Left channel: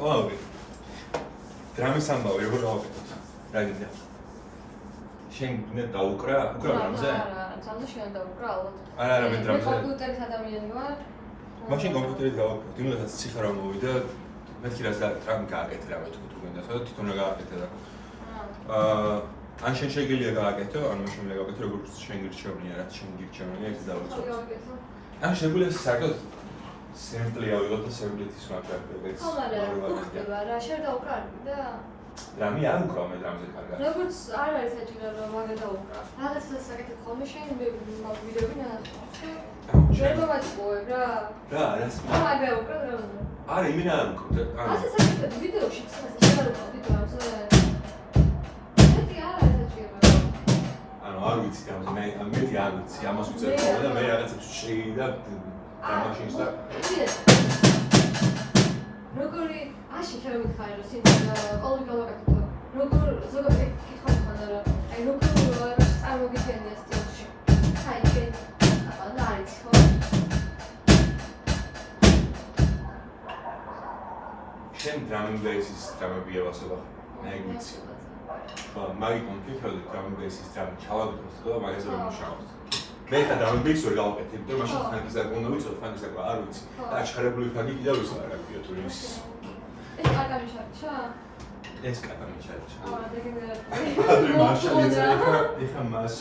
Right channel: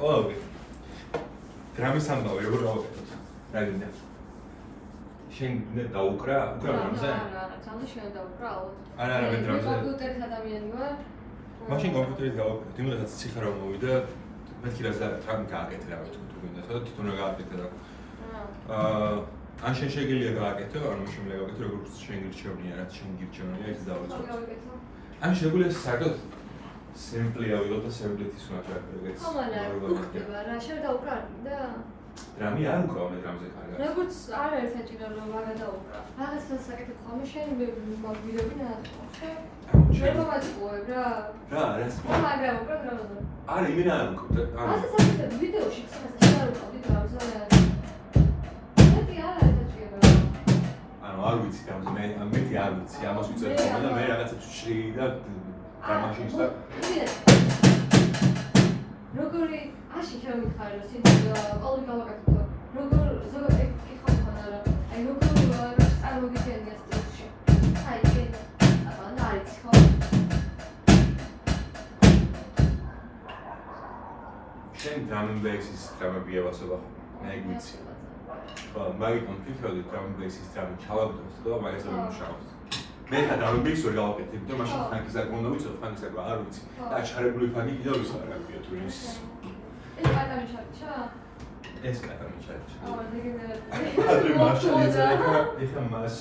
ყოველდღე. დრამის ამბავი როგორ გავაკეთოთ? რა გინდა? შენ გინდა დაუკრა? უკრა დრამზე? არა, ძალზე შენ დაუკრა ალბათ. არა, მე დრამზე. კომპიუტერის ადამიანი ვარ. მაშინ კომპიუტერით გავაკეთოთ. იმედაც ციხა რა მოვიდა, მეთქი რა დრამი გააკეთე რა თუ გინდა, სადაც თვითონ რა გააკეთე რა. ან შენ შეგიძლია გააკეთო, ან მე შემიძლია გავაკეთო, როგორც შენ გირჩევნია, რაც შენ გირჩევნია, ეს დავიწყოთ. ან შეგვიძლია საერთოდ სიმპლი ავიღოთ და სიმპლით ის ვაკეთებთ. ხო, ხდება რა, შენ დაუკრა და დრამი არ უკრა მე დრამზე კარგად. როგორც არ არის საჭირო რომ მაგა დაუკრა. რაღაცას საკეთებ ხოლმე შენ ვიდეოები ნახე. შენ მოვაწყობ რა. რა, რას? მაგა უკრა დრამზე. არა, იმენ არ უკრა. ასე საკეთებ ვიდეოში ხსნას არ ვიყავ დრამზე. არ ვიცი გამზე, მე ამეთი არ ვიცი, ამას ვიწერ ხოლმე და მე რაღაცებს შეი და დამაშინს და როგორი აში შენ მითხარი რომ სიმღერა ყოველ გავაკეთებ როგორ ზოგადად კითხვა მქონდა რა აი როგორ წარმოგიჩენია სტილში აი ეს აბა არის ხო შენ დრამბეისის დრამები ავასება მე ვიცი ხო, მაგითონ ვფიქრობდი დრამბეისის დრამი ჩავაგდოთ და მაგას ვერ მუშაობთ. მე ხა დრამბეის ვერ გავაკეთებ და მაშინ ფანკის აკონდა ვიცოდი, ფანკის აკონდა არ ვიცი. და აჩხარებული ფანკი კიდევ ის არ აქვს YouTube-ის. ეს კარგი ჩარჩა? ეს კარგი ჩარჩა. დაგინდა. მარშალი ეხა მას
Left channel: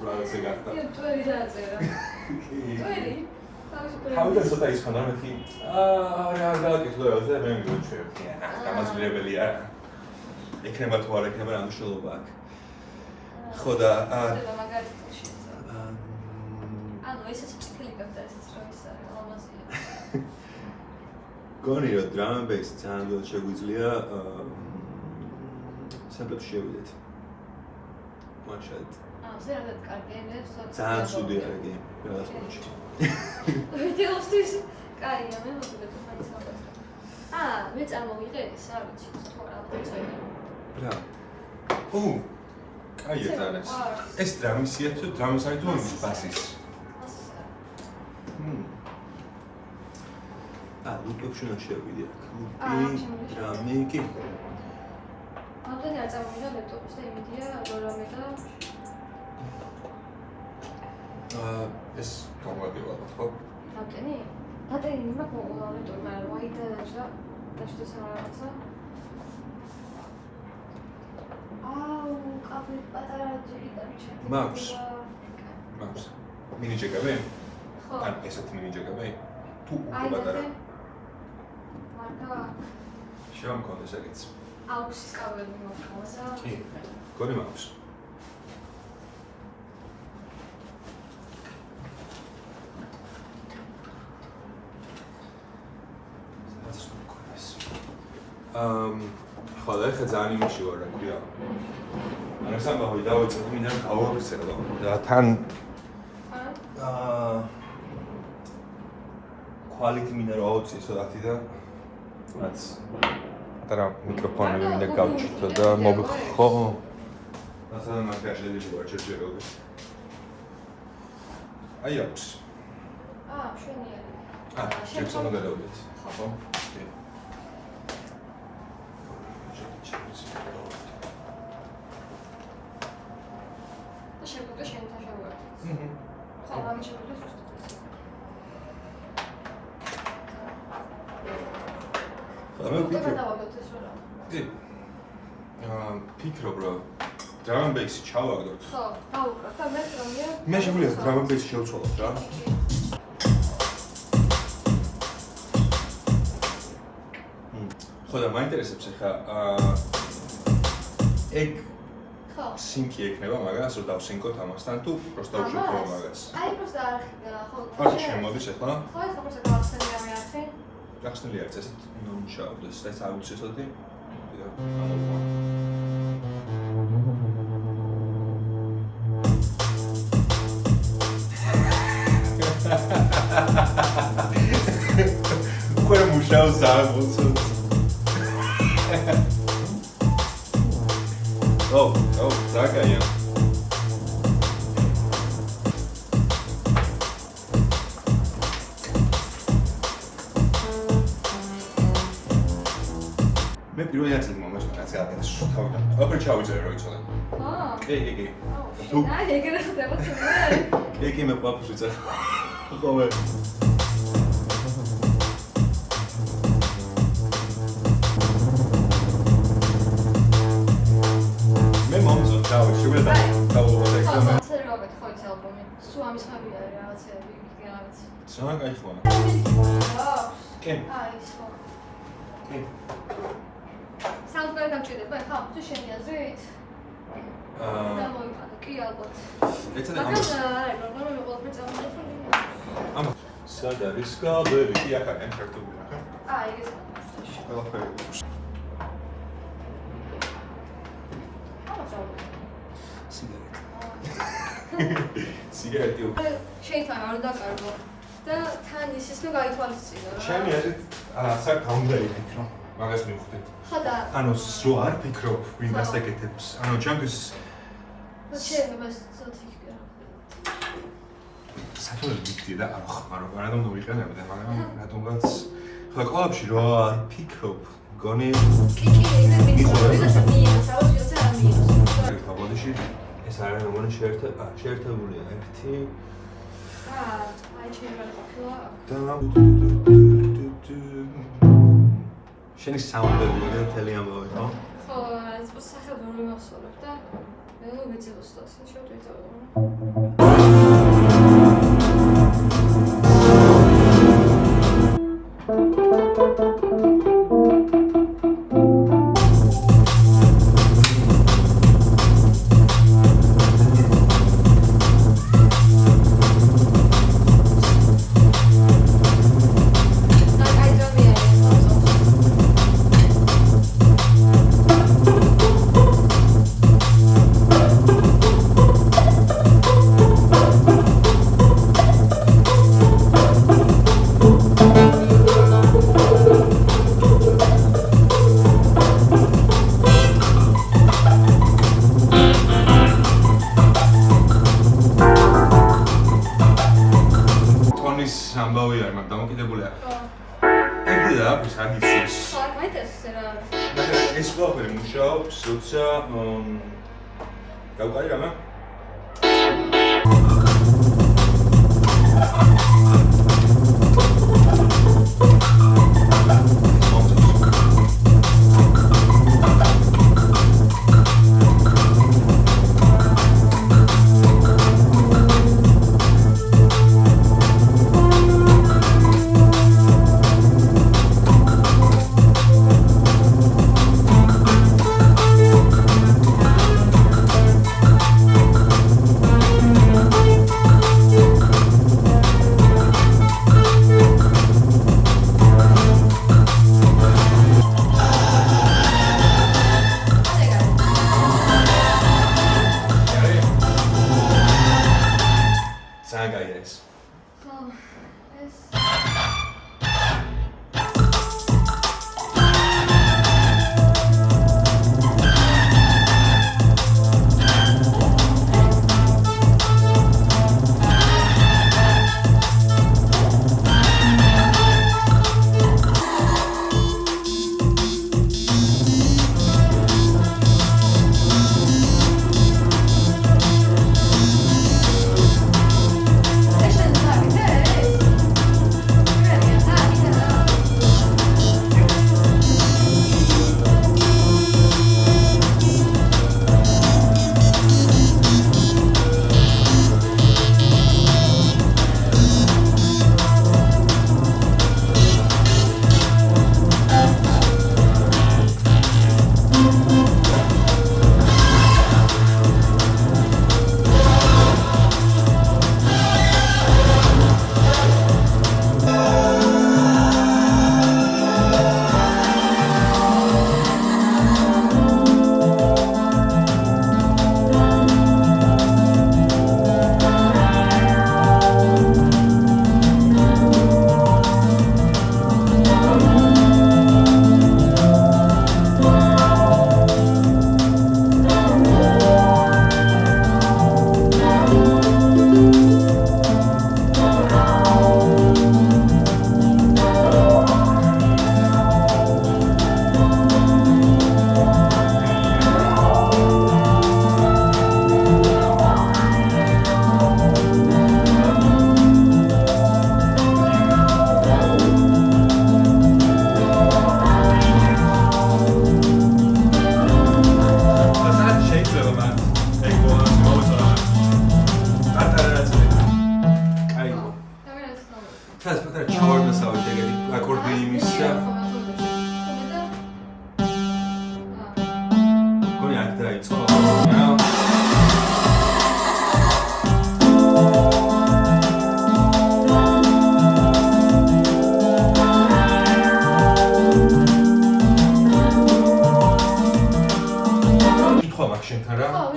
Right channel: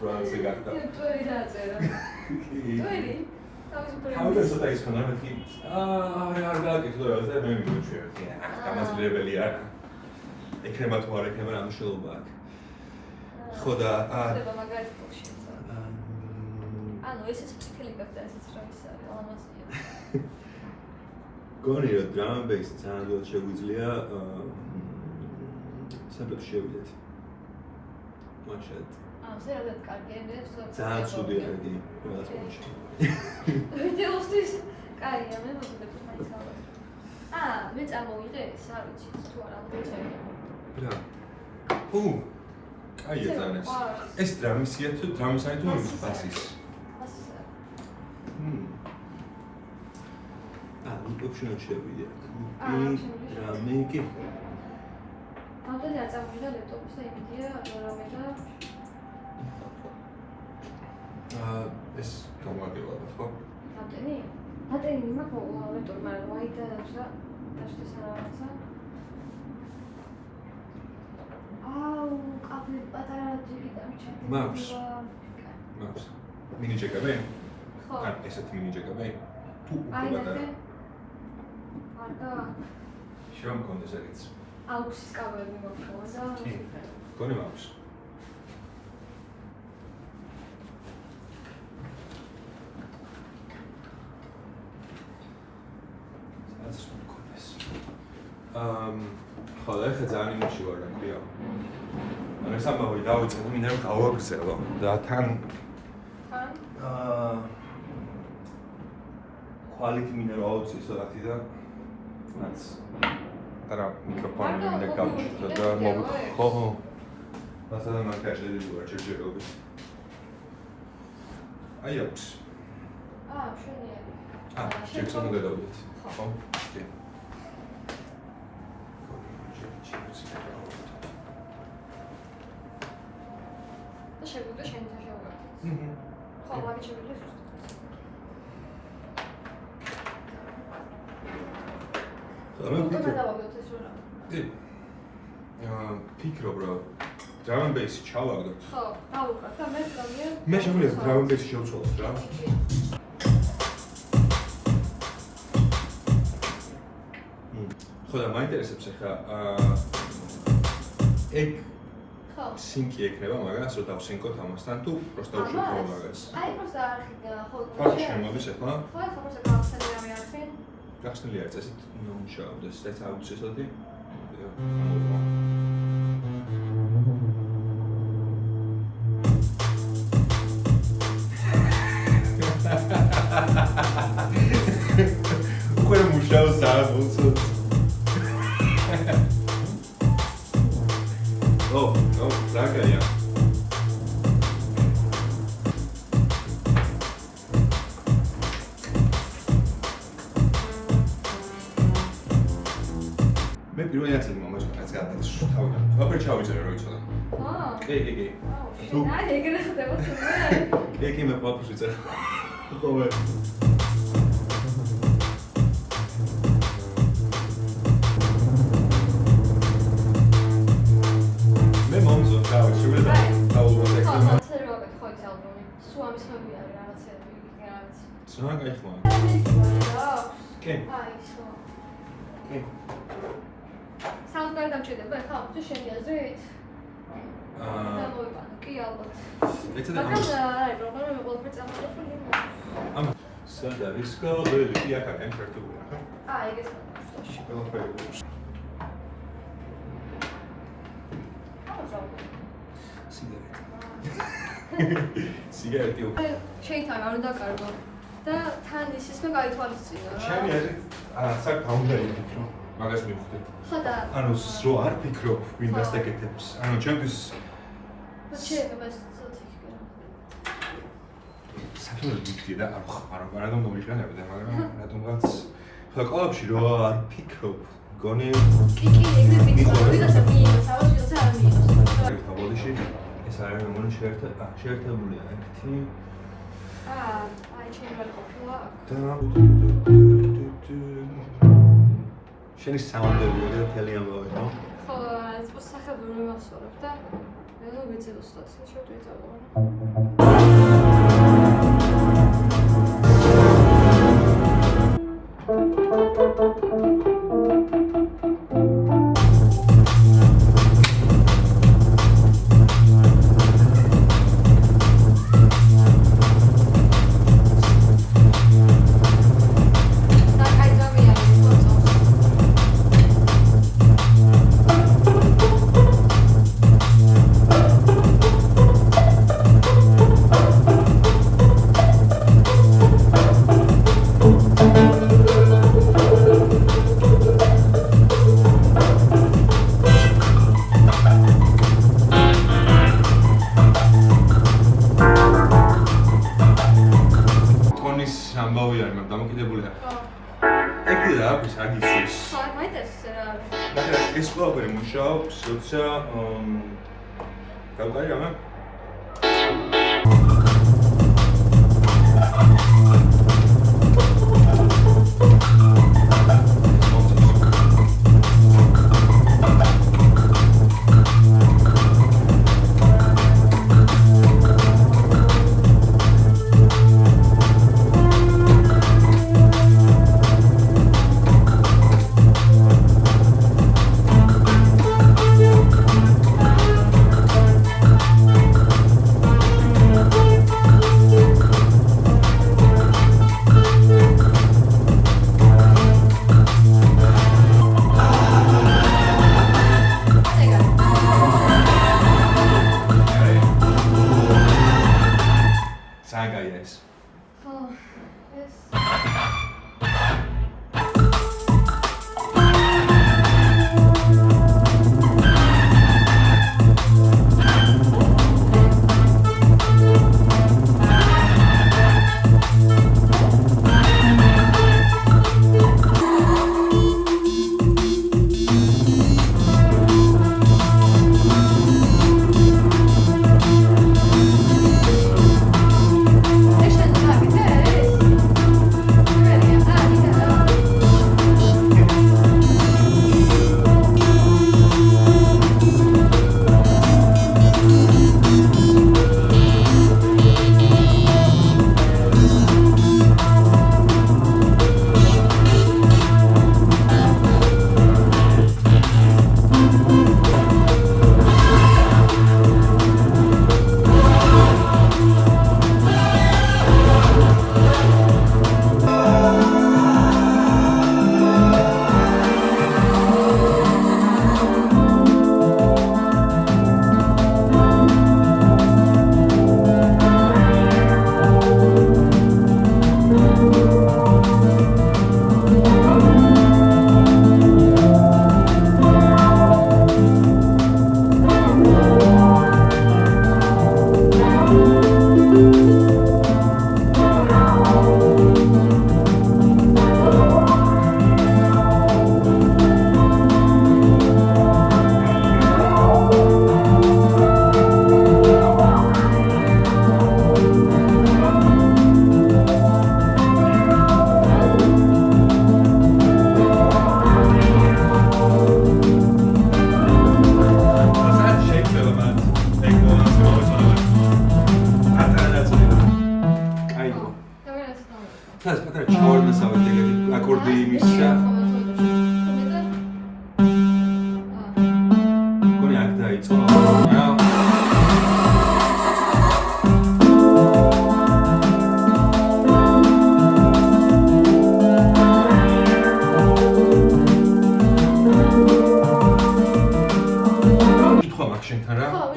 დრამზე გახდა. ტვერი დაწერა. ტვერი? თავიდან ცოტა ის ხონდა მეთქი. არ გავაკეთე და მე მივუჩვევი. გამაძლებელი არა. ეკნება თუ არ ეკნება რა მნიშვნელობა აქვს. ხო და ხდება მაგარი პოშეცა. ანუ ესეც ფსიქოლოგიურად ესეც რა ის არის, ალამაზია. გონი რომ drum bass ძალიან ველად შეგვიძლია სამპლებში შევიდეთ. მაშად. ზერადად კარგი ენერგია, ძალიან ცუდი არის ყველას მოჩი. ვიდეოსთვის კარგია, მე მოგიბეთ მაინც გავასწავლე. მე წარმოვიღე ეს, არ ვიცი, თუ არა ვიცი. რა. აი ეს არის. ეს დრამისია თუ დრამისია თუ ბასის? ბასისა. ლუპებში შევიდე აქ. დრამი კი. ამდენი არ წარმოვიდა ლეპტოპის და იმედია რამე და ეს გამოგაგებად ხო? ამდენი? ამდენი მაქვს ლეპტოპი, მაგრამ ვაიდა და ეს რაღაცა. კაფე პატარა ჯეკეტი ჩატი. მაქვს. მინი ჯეკეტი? ხო. ან ესეთი მინი ჯეკეტი? თუ უკვე პატარა. მარტო. შემქონდეს ეგეც. აუქსის კაბელი მოხდა და კი. გონი მაქვს. ხო, და ხა ძალიან იმაში ვარ, რა ქვია. ანუ სამბავი დავიწყე, მინდა რომ გავაფიცერო. და თან quality მინდა რომ ავუწიო ცოტათი და რაც და მიკროფონი მინდა გავუჭირო და ხო. მასალა მაგაშელი ვარ ჩერჯერობით. აი აქვს. მშვენიერი. შეგწონო გადავდეთ. ხო. კი. და შეგვიძლია შენთან შევუერთდეთ. ხო, მაგით შეგვიძლია სუსტად. კი. ფიქრობ რომ drum bass ჩავაგდოთ. ხო, დავუკრა და მე წამია. მე შეგვიძლია drum bass შევცვალოთ რა. ხო და მაინტერესებს ახლა ეგ ხო. სინკი ექნება მაგას რომ დავსინკოთ ამასთან თუ просто უშუქო მაგას. აი просто არხი ხო. ფაქტი შემოდის ახლა? ხო, ეს просто გავახსენე რამე არხი. გახსნილი არის ესეთ ნონშაუდეს და აუცილებლად უკვე მუშაობს ამბულს. ზაგაია. მე პირველი ნაწილი მომეწონა რაც გააკეთეს თავიდან. ოპერა ჩავიწერე რა იცოდე. კი. თუ აი ეგრე ხდება თუმცა კი მე პაპუს ვიწერე. ხოლმე. მე მომწონს თავი შეგვიძლია დავუყოთ ხო, ცერვაგეთ ხო ეს ალბომი. სულ ამის ხები არის რაღაცეები, რაღაც. სულ გაიხვა. კი. აი, სულ. კი. საუნდტრეკი დამჭირდება ხა, თუ შენი აზრით? დავოიბანე, კი ალბათ. მაგრამ აი, პრობლემა მე ყველაფერი წამოვიწყდი. ამა სად არის გაბელი? კი აქ არის კონტრაქტული ახლა. აი, ეგეც მაგისტოში. ყველაფერი. სიგარეტი. შეიძლება არ დაკარგო და თან ისიც ნუ გაითვალისწინო რა. ჩემი აზრით საკ გაუნდარი ფიქრო. მაგას მივხვდი. ხო და ანუ სრო არ ფიქრობ ვინ დასაკეთებს. ანუ ჩემთვის შეიძლება სწორია. საკუთარ ვიქდი და რატომ მომიყენებდი, მაგრამ რატომღაც ხო ყოლებში რო არ ფიქრობ, გონი კი, ეგრე ვიწყობდი და სამინოს, ავასიოზე არ მინოს. ბოდიში ეს არის მე მგონი შეერთებულია ერთი აი ჩემი ყოფილა. შენი საუნდები რა თელი ამბავი ხო? ხო, ეს სახელმწიფო მოსწორებ და მე ნუ ვიცი უბრალოდ შევწევ რა. ამბავი არის, მაგრამ დამოკიდებულია. ეგრე და აქვს აგიცის. ხო, მაინტერესებს რა. და ეს ყველაფერი მუშაობს, როცა დავყარი რამე?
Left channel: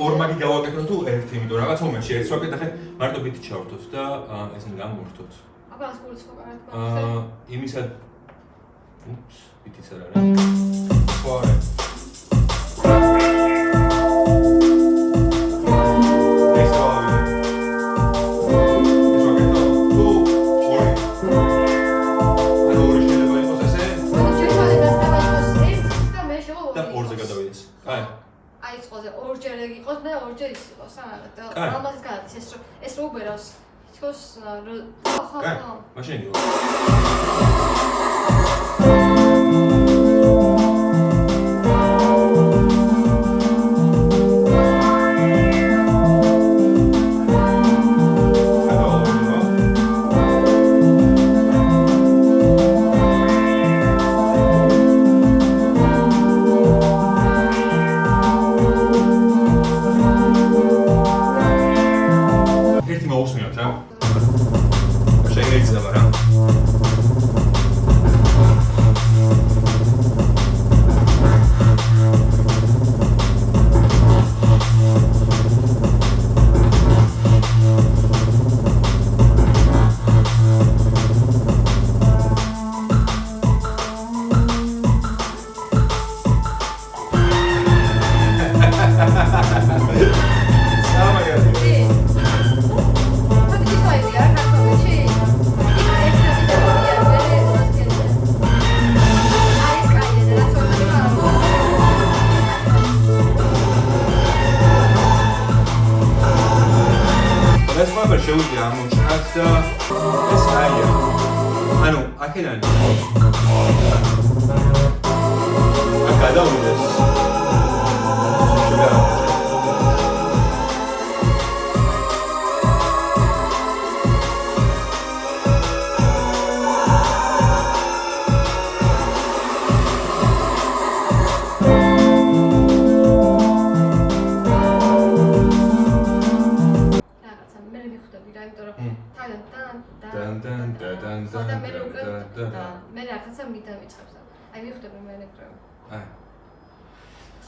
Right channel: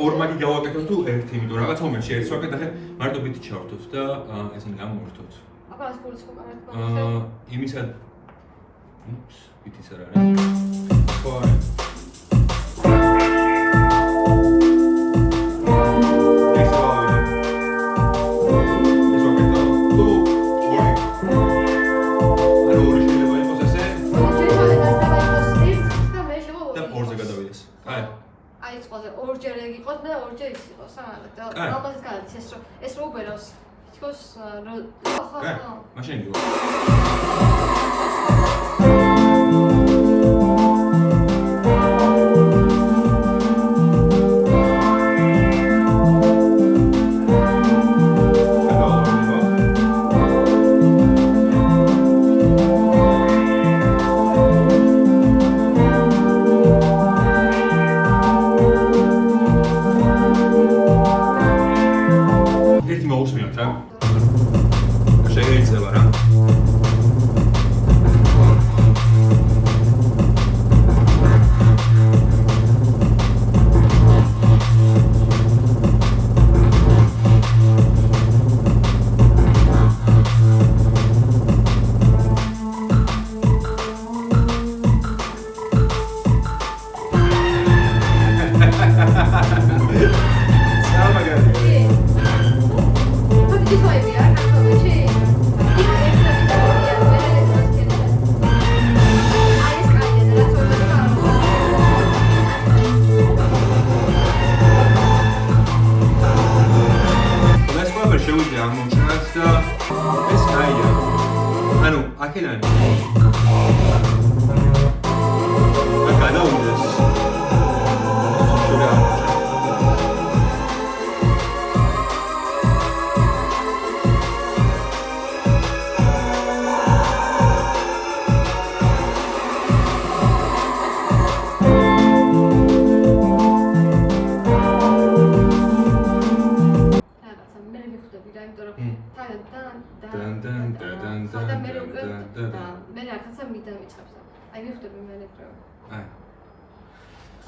ორ მაგი გავაკეთოთ თუ ერთი, იმიტომ რაღაც მომენტში ერთს ვაკეთე, მარტო ბიტი ჩავართოთ და ესენი გამოვართოთ. აბა რას გულის კომპანიად? იმისა უპს, ბიტიც არ არის. ხო არა. ორჯერ ეგ იყოს, მე ორჯერ ის იყოს, და ამას გადადის ეს რო უბერავს. თქოს ხო. მაშინ გიო.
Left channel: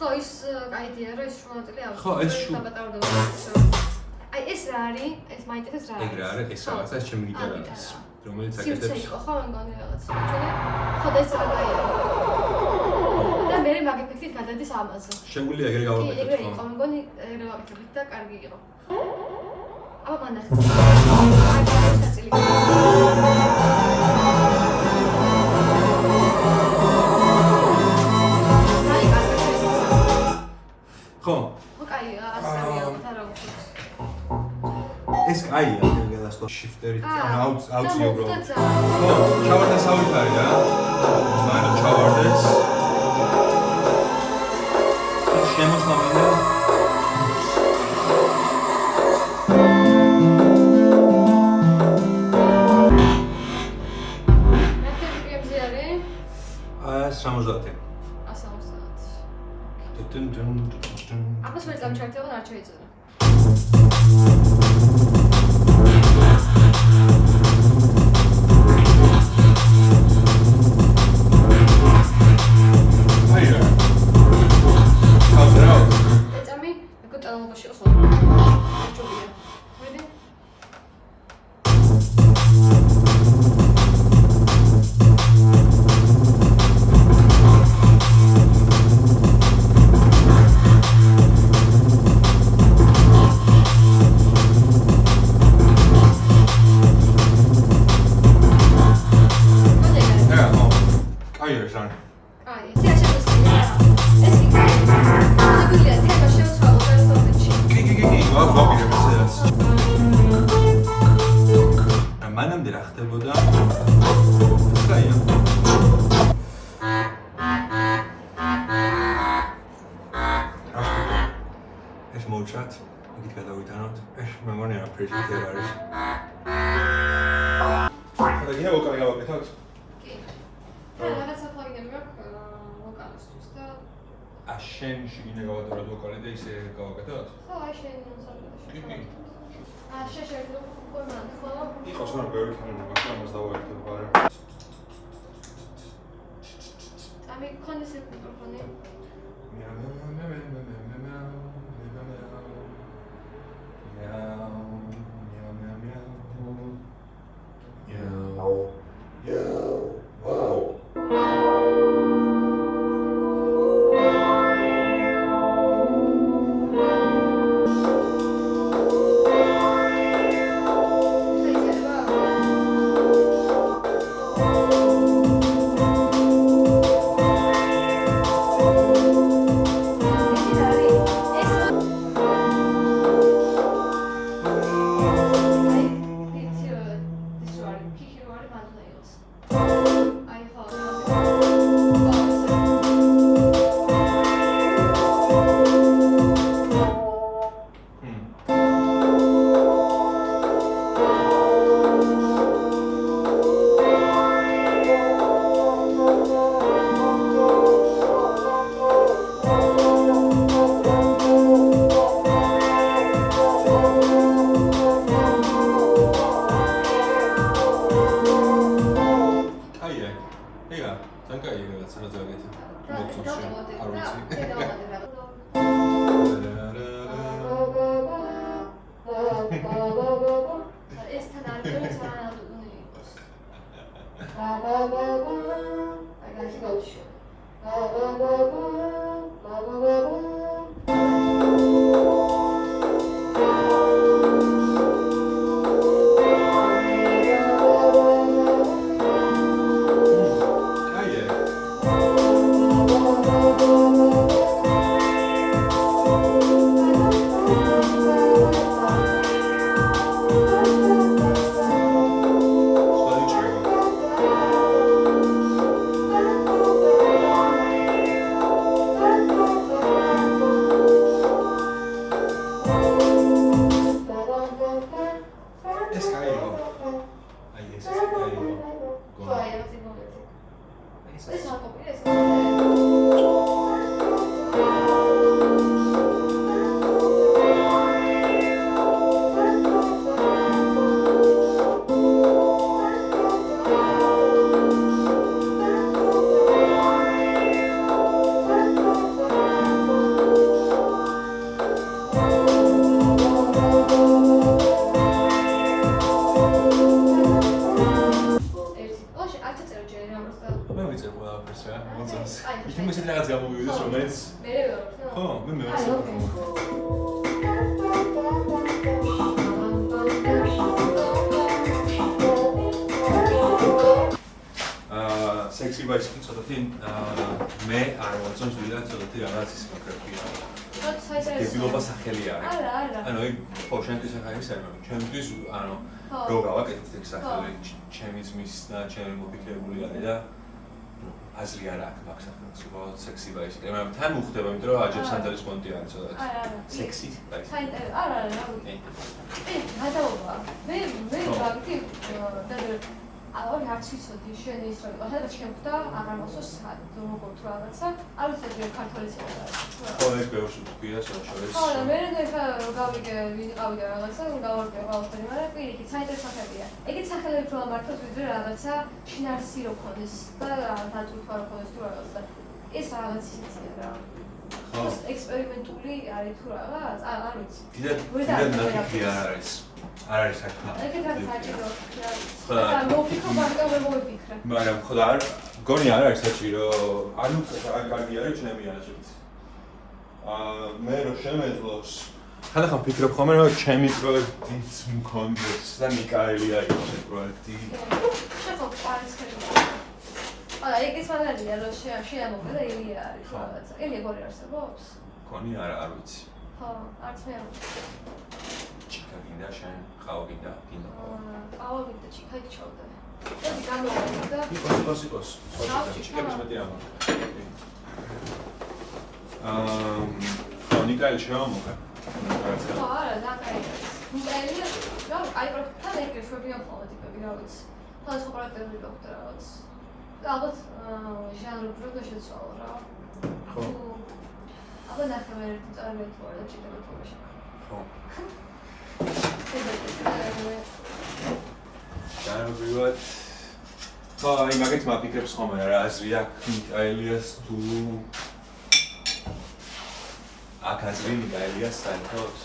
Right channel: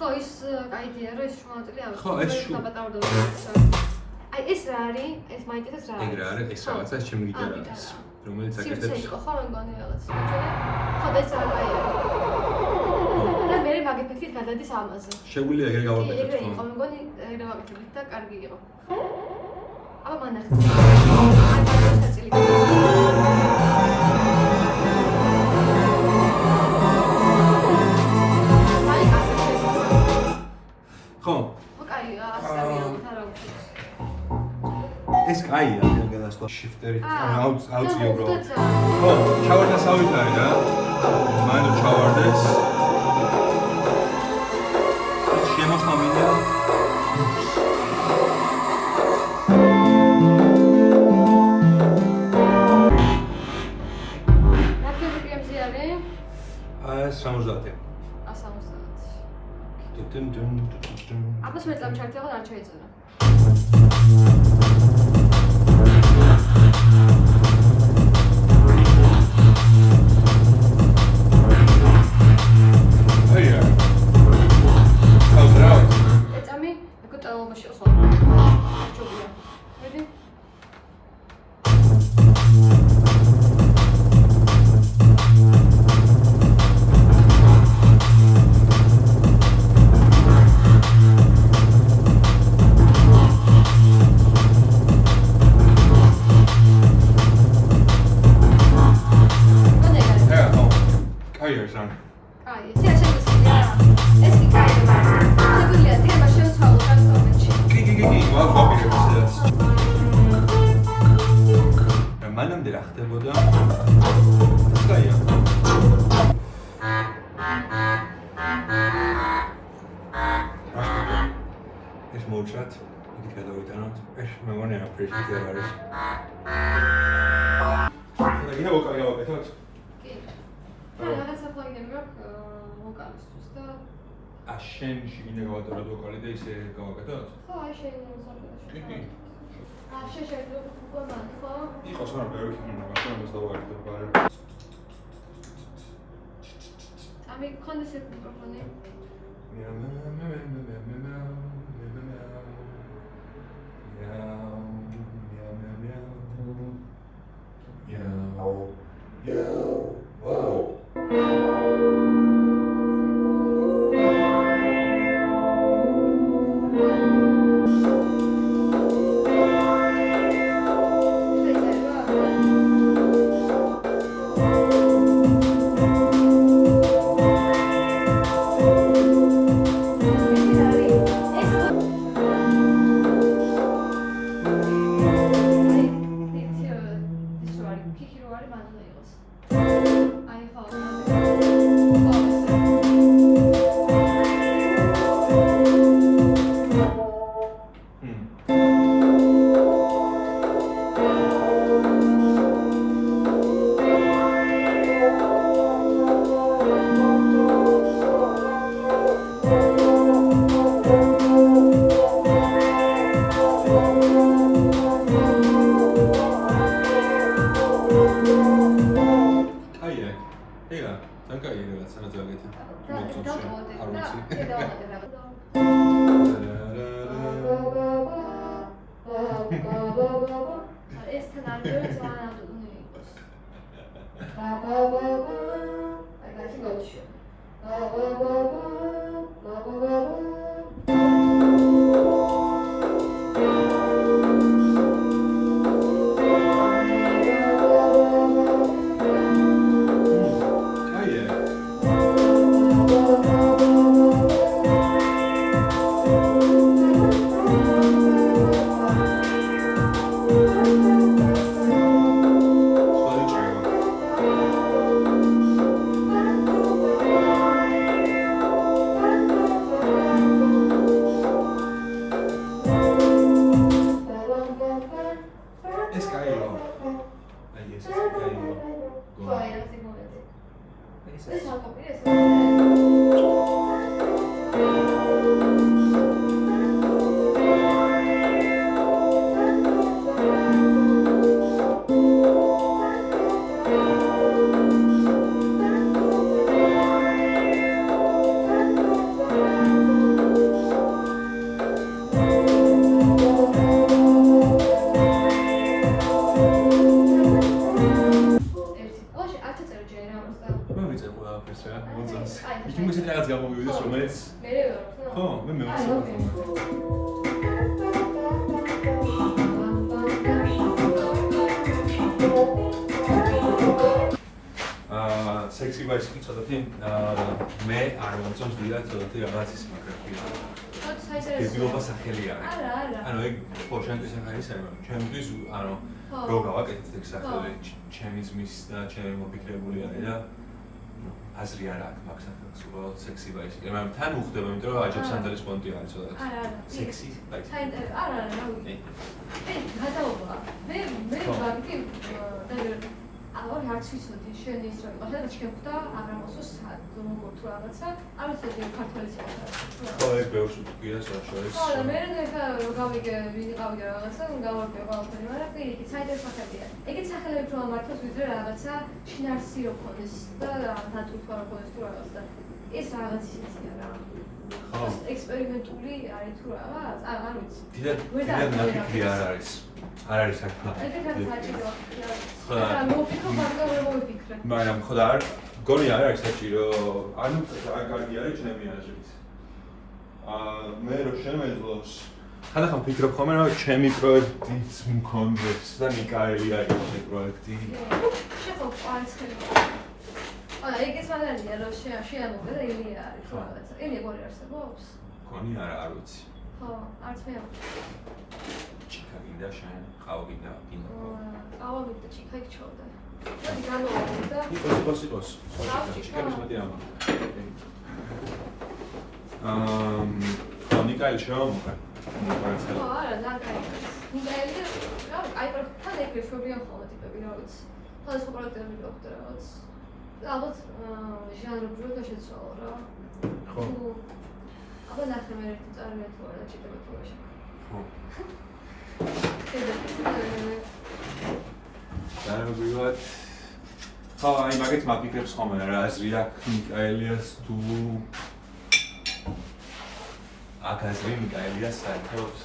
ხო ის კაიდია რომ ეს შუაწელი არ ხო ეს შუ აი ეს რა არის ეს მაინტერესებს რა ეგ რა არის ეს რაღაცა ჩემი გიტარა არის რომელიც აკეთებს ხო მე მგონი რაღაც ხო და ეს რა კაია და მე მაგეფექტით გადადის ამაზე შეგვიძლია ეგრე გავაკეთოთ ხო მე მგონი ეგრე ვაკეთებთ და კარგი იყო აბა მანახეთ აი გადაწილი ხო ეს კაია ამ გადასვლა შიფტერით აუწია უბრალოდ ხო ჩავარდა სავითარი რა მანო ჩავარდეს შემოხამინდა რაკეთი პრემზი არის 70 აბას მე წამჩართება არ შეიძლება. აია. ხალდრაო. ეცამი, ეკო ტალობაში ხო. აჩობია. მოდი. მანამდე რა ხდებოდა? კაია. ეს მოვჭრათ, იქით გადავიტანოთ. ეს მე მგონი არაფერი არ არის. და გინდა ვოკალი გავაკეთოთ? კი. რაღაცა პლაგინები მაქვს ვოკალისთვის და შენ შეგინდა გავატაროთ ვოკალი და ისე გავაკეთოთ? ხო, შენ სამწუხაროდ. კი. შეშერდო ფორმატ ხო? იყოს მაგრამ ბევრი ფილმი მაქვს, ამას დავაერთებ ბარე. ამი კონდენსატ მიკროფონი. Sexy bicycle ცოტათი მე არ მომწონს ვიდრე ცოტათი რაღაც ის მაგარია. გებილობა სახელი არის. ანუ ეგ ხო შენთვის ახალი საერთოდ. ჩემთვის ანუ რო გავაკეთეთ ეგ სახელი ჩემიზმის და ჩემი მოფიქრებული არის და აზრი არ აქვს მაგ სახელს უბრალოდ sexy bicycle. მაგრამ თან უხდება იმიტომ რომ აჯებს სანდალის პონტი არის ცოტათი. sexy bicycle. არა. გადაობა. მე გავიქი ავი არც ვიცოდი შენ ის რომ ახლა შეხვდა აღარ მოსოს როგორ თუ რაღაცა არ ვიცოდი ქართული სიტყვა ხო ეს ბევრს ვთქვია საშუალებას ხო მე გავიგე ვინ ყავდა რაღაცა უნდა ვარკვე ყველაფერი მაგრამ პირიქით საინტერესო ხებია ეგეც სახელები თუ ამართოს ვიდრე რაღაცა შინაარსი რო ქონდეს და დათუხა რო ქონდეს თუ რაღაცა ეს რაღაც ისეთი რა ხო ექსპერიმენტული არის თუ რაღაც არ ვიცი დიდად ნაკიფი არ არის არ არის საქმე. ეგეთაც საჭირო. ხო და მოფიქრო მაგრამ ვერ მოვიფიქრე. მაგრამ ხო და არ გონი არ არის საჭირო. ანუ არ კარგი არის ჩემი აზრით. მე რო შემეძლოს ხანდახან ვფიქრობ ხოლმე რომ ჩემი პროექტიც მქონდეს და მიკაელი არის ეს პროექტი. შეხო არც ხერხი. აა ეგეც მაგალითია რომ შეამოღდა და იმი არის რაღაცა. იმი როგორ არსებობს? გონი არ ვიცი. ხო, არც მე არ ვიცი. ჩიქა გინდა შენ ყავგინდა გინდა ყავგინდა ჩიქა იქჩავდა მოდი გამოვიდე და იყოს ჩიქების მეტი ნიკაელი შევამოყარ ხო არა ნაკაი ნიკაელი და აი პროექტთან ეგ შეგვიონ ხოლმე ტიპები რა ვიცი ხალხო პროექტები გქონდა რაღაც ალბათ ჟანრი და შეცვალო რა ხო აბა ნახე მე ერთი წარმოიდგინე თუ არა ჩიქები თუ არა ხო Nākamais, magāts mākslinieks, ko man ir āzrijā, Mikaēlijas, tu აქ აზრი მიტალიას საერთოდ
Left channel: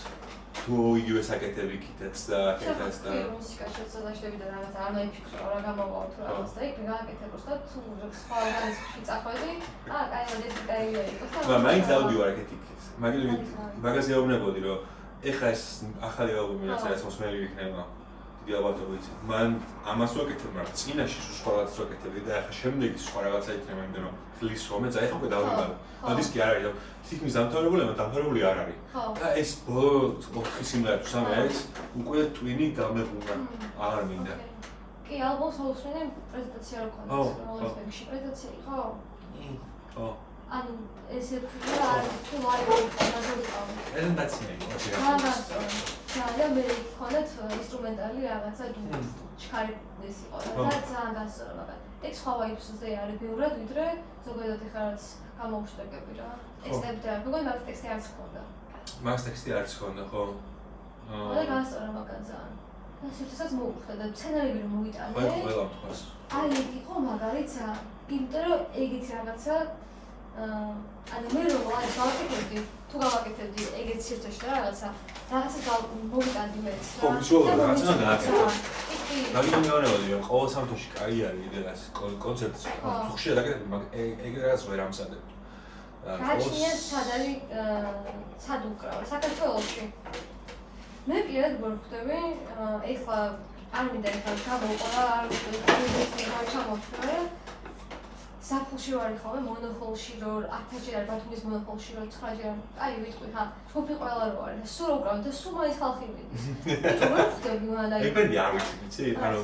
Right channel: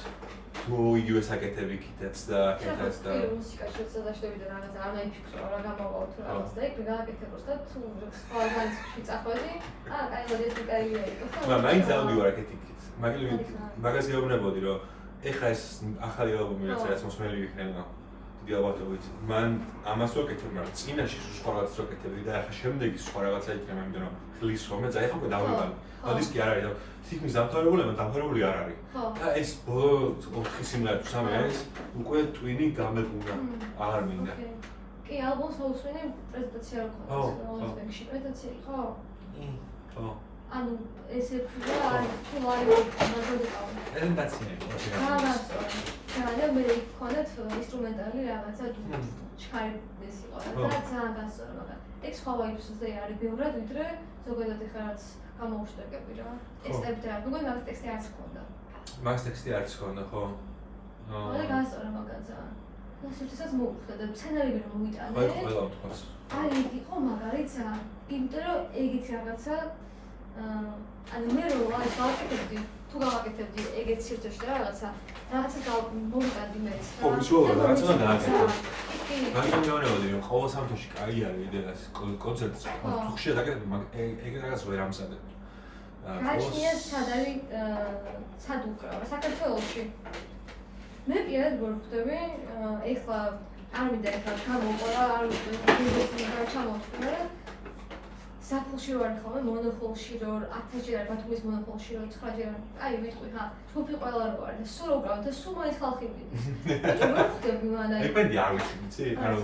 თუ იგივე საკეთები კიდეც და კიდეც და მუსიკაში წადაშები და რაღაც არ მეფიქრო რა გამოვაო თუ რაღაც და იქ გააკეთებოს და თუ სხვა ორგანიზმში წახვედი კაი დედიკაილია იყოს და მაინც დავდივარ აქეთ იქით მაგაზე ავნებოდი რომ ეხლა ეს ახალი ალბომი რაც მოსმელი იქნება დიდი ალბათობით მან ამას ვაკეთებ მაგრამ წინაში სხვა რაღაცას ვაკეთებდი და ახლა შემდეგი სხვა რაღაცა იქნება იმიტომ რომ ხლის რომ ეცა ეხლა უკვე დავიღალე დისკი არ არის რომ თითქმის დამთავრებული არ არის და ეს ბოლო 4 სიმღერა თუ 3 არის უკვე ტვინი გამეყურა აღარ მინდა კი ალბომს მოусმინე პრეზენტაცია რო ქონდეს რაღაც ბექში პრეზენტაცია იყო ხო ანუ ესე თქვა თუ ლაივი მაგალითად პრეზენტაცია იყო და მე ხონეთ ინსტრუმენტალი რაღაცა ჩქარების იყო და ძალიან დასწორა მაგრამ ეს სხვა ვაიბსზე არის ბევრად ვიდრე ზოგადად ეხლა რაც გამოუშტერგები რა ტექსტები და მეგონი მაგ ტექსტი არც ჰქონდა მაგ ტექსტი არც ჰქონდა ხო და დასწორა მაგაც ძალიან და სიცოცხლესაც მოვხვდა და სცენარები რომ მოვიტანე ყველა თქვას აი იყო მაგალითად იმიტომ რომ ეგეთი რაღაცა ანუ მე რო აი გავაკეთებდი თუ გავაკეთებდი ეგეთ სიტუაციაში რაღაცა მოვიტანდი მეც ხო ვიზუალურად რაღაცა გააკეთე მაგრამ მეუბნებოდი რომ ყოველ სამთოში კაი არის ვიდეოს კონცერტს ხშირად აკეთებ მაგრამ ეგ რაღაც ვერ ამზადებ გაჩნია სად არის სად უკრავა საქართველოში მე პირადად გვხვდები ეხლა არ მინდა ეხლა გამოვყვა არ ვიცი საფულში ვარ ხოლმე მონოხოლში რომ 1000-ჯერ არ ბათუმის მონოხოლში რომ 9-ჯერ აი ვიტყვი ხა ჯგუფი ყველა რო არის და სულ რო გავ და სულ მაინც ხალხი მიდის რო ხდები მანაი ეგრე არ ვიცი იცი ანუ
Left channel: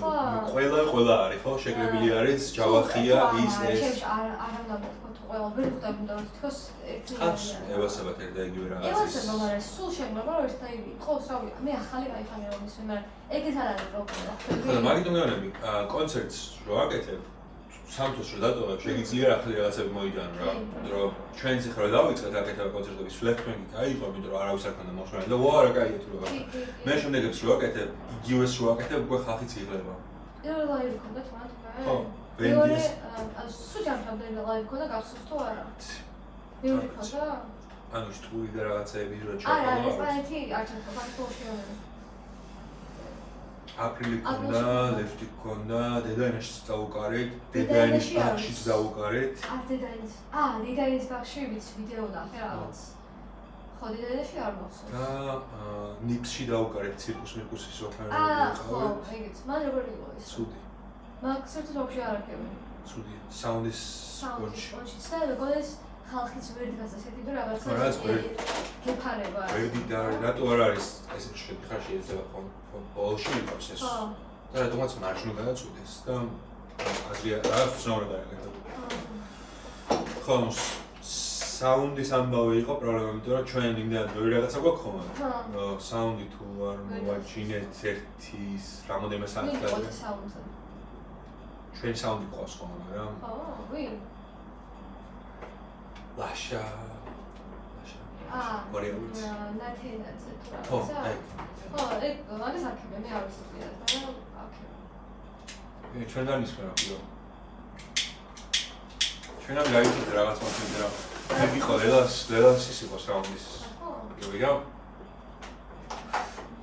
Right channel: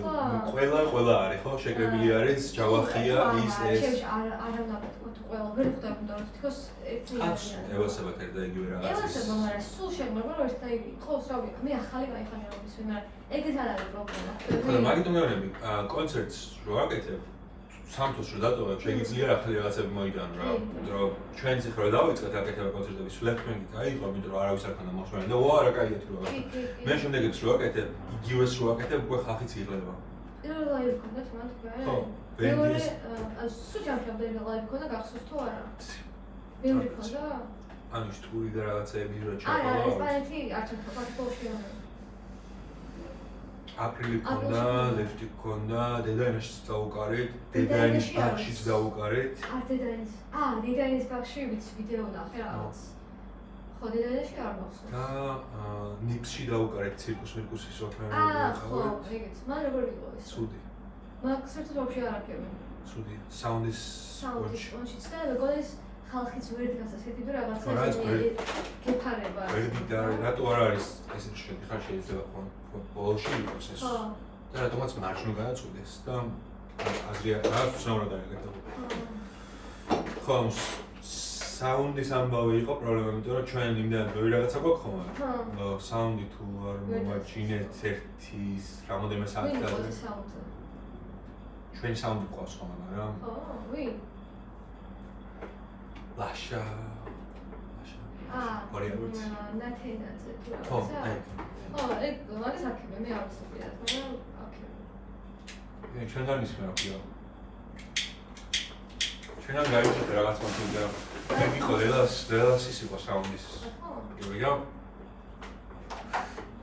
ყველა არის ხო შეკრებილი არის ჯავახია ის ეს არ ნაბატო ყველა ვერ ხდები და თქოს კაც ევასებათ ერთ და იგივე რაღაცის ევასება მაგრამ სულ შეგმობა რომ ერთ აი ხო სავი მე ახალი გაიხამე რომ ისე მაგრამ ეგეც არ არის პრობლემა ხო მაგით მეუბნები კონცერტს რო აკეთებ სამთოს რო დატოვებ შეგიძლია ახალი რაღაცები მოიტანო რა რომ ჩვენც ახლა რა დავიწყეთ აკეთება კონცერტების ფლეფმენგი გაიყო იმიტომ რომ არავის არ ქონდა მოსვლელი და ვარა კაია თუ რა მე შემდეგაც რო აკეთებ იგივეს რო აკეთებ უკვე ხალხიც იღლება ლაივი ქონდა თქვენ ხო ვენდის სუჯამშამდე ლაივი ქონდა გახსოვს თუ არა ბევრი ქონდა ანუ სტური და რაღაცები რო ჩაყოლა არა ესპანეთი არ ჩაყოლა საქართველოში აპრილი ქონდა, ლეფტი ქონდა, დედაინაშიც დაუკარეთ, დედაინის ბაღშიც დაუკარეთ. დედაინის ბაღში ვიცი ვიდეო ნახე რაღაც. ხო, დედაინაში არ მახსოვს. და ნიფსში დაუკარეთ ცირკუსის ოფერები ყავით. ხო, ეგეც. მან როგორ იყო ეს? ცუდი. მაგ საერთოდ ვაფშე არ აკეთებ. ცუდია. საუნდის კონჩიც და მეგონეს ხალხიც ვერ გასასწრები და რაღაცა გეფარება. ვერდი და რატო არ არის ესე შედი ხარ შეიძლება ბოლში იყოს ეს. და რატომაც მარჯვნივ გააწუდეს და აზრი რაღაც უცნაურად დააკეთა. ხო, საუნდის ამბავი იყო პრობლემა, იმიტომ რომ ჩვენ იმდან ბევრი რაღაცა გვაქვს ხოლმე. საუნდი თუ არ მოვაჩინეთ ერთის რამოდენიმე საათი ადრე. ჩვენი საუნდი ყავს ხოლმე, მაგრამ ხო, ვინ? ლაშა. ვარიანტი. ნათენაძე თუ რა. ხო, ეგ. ხო, ეგ არის აქემე, მე არ ვიცოდი რა, აქემე. ჩვენ არ ისმენ აქიო. ჩვენ არ გაიცით რაღაც მოსული და ეგ იყო ლელას ის იყო საუნდის. იო.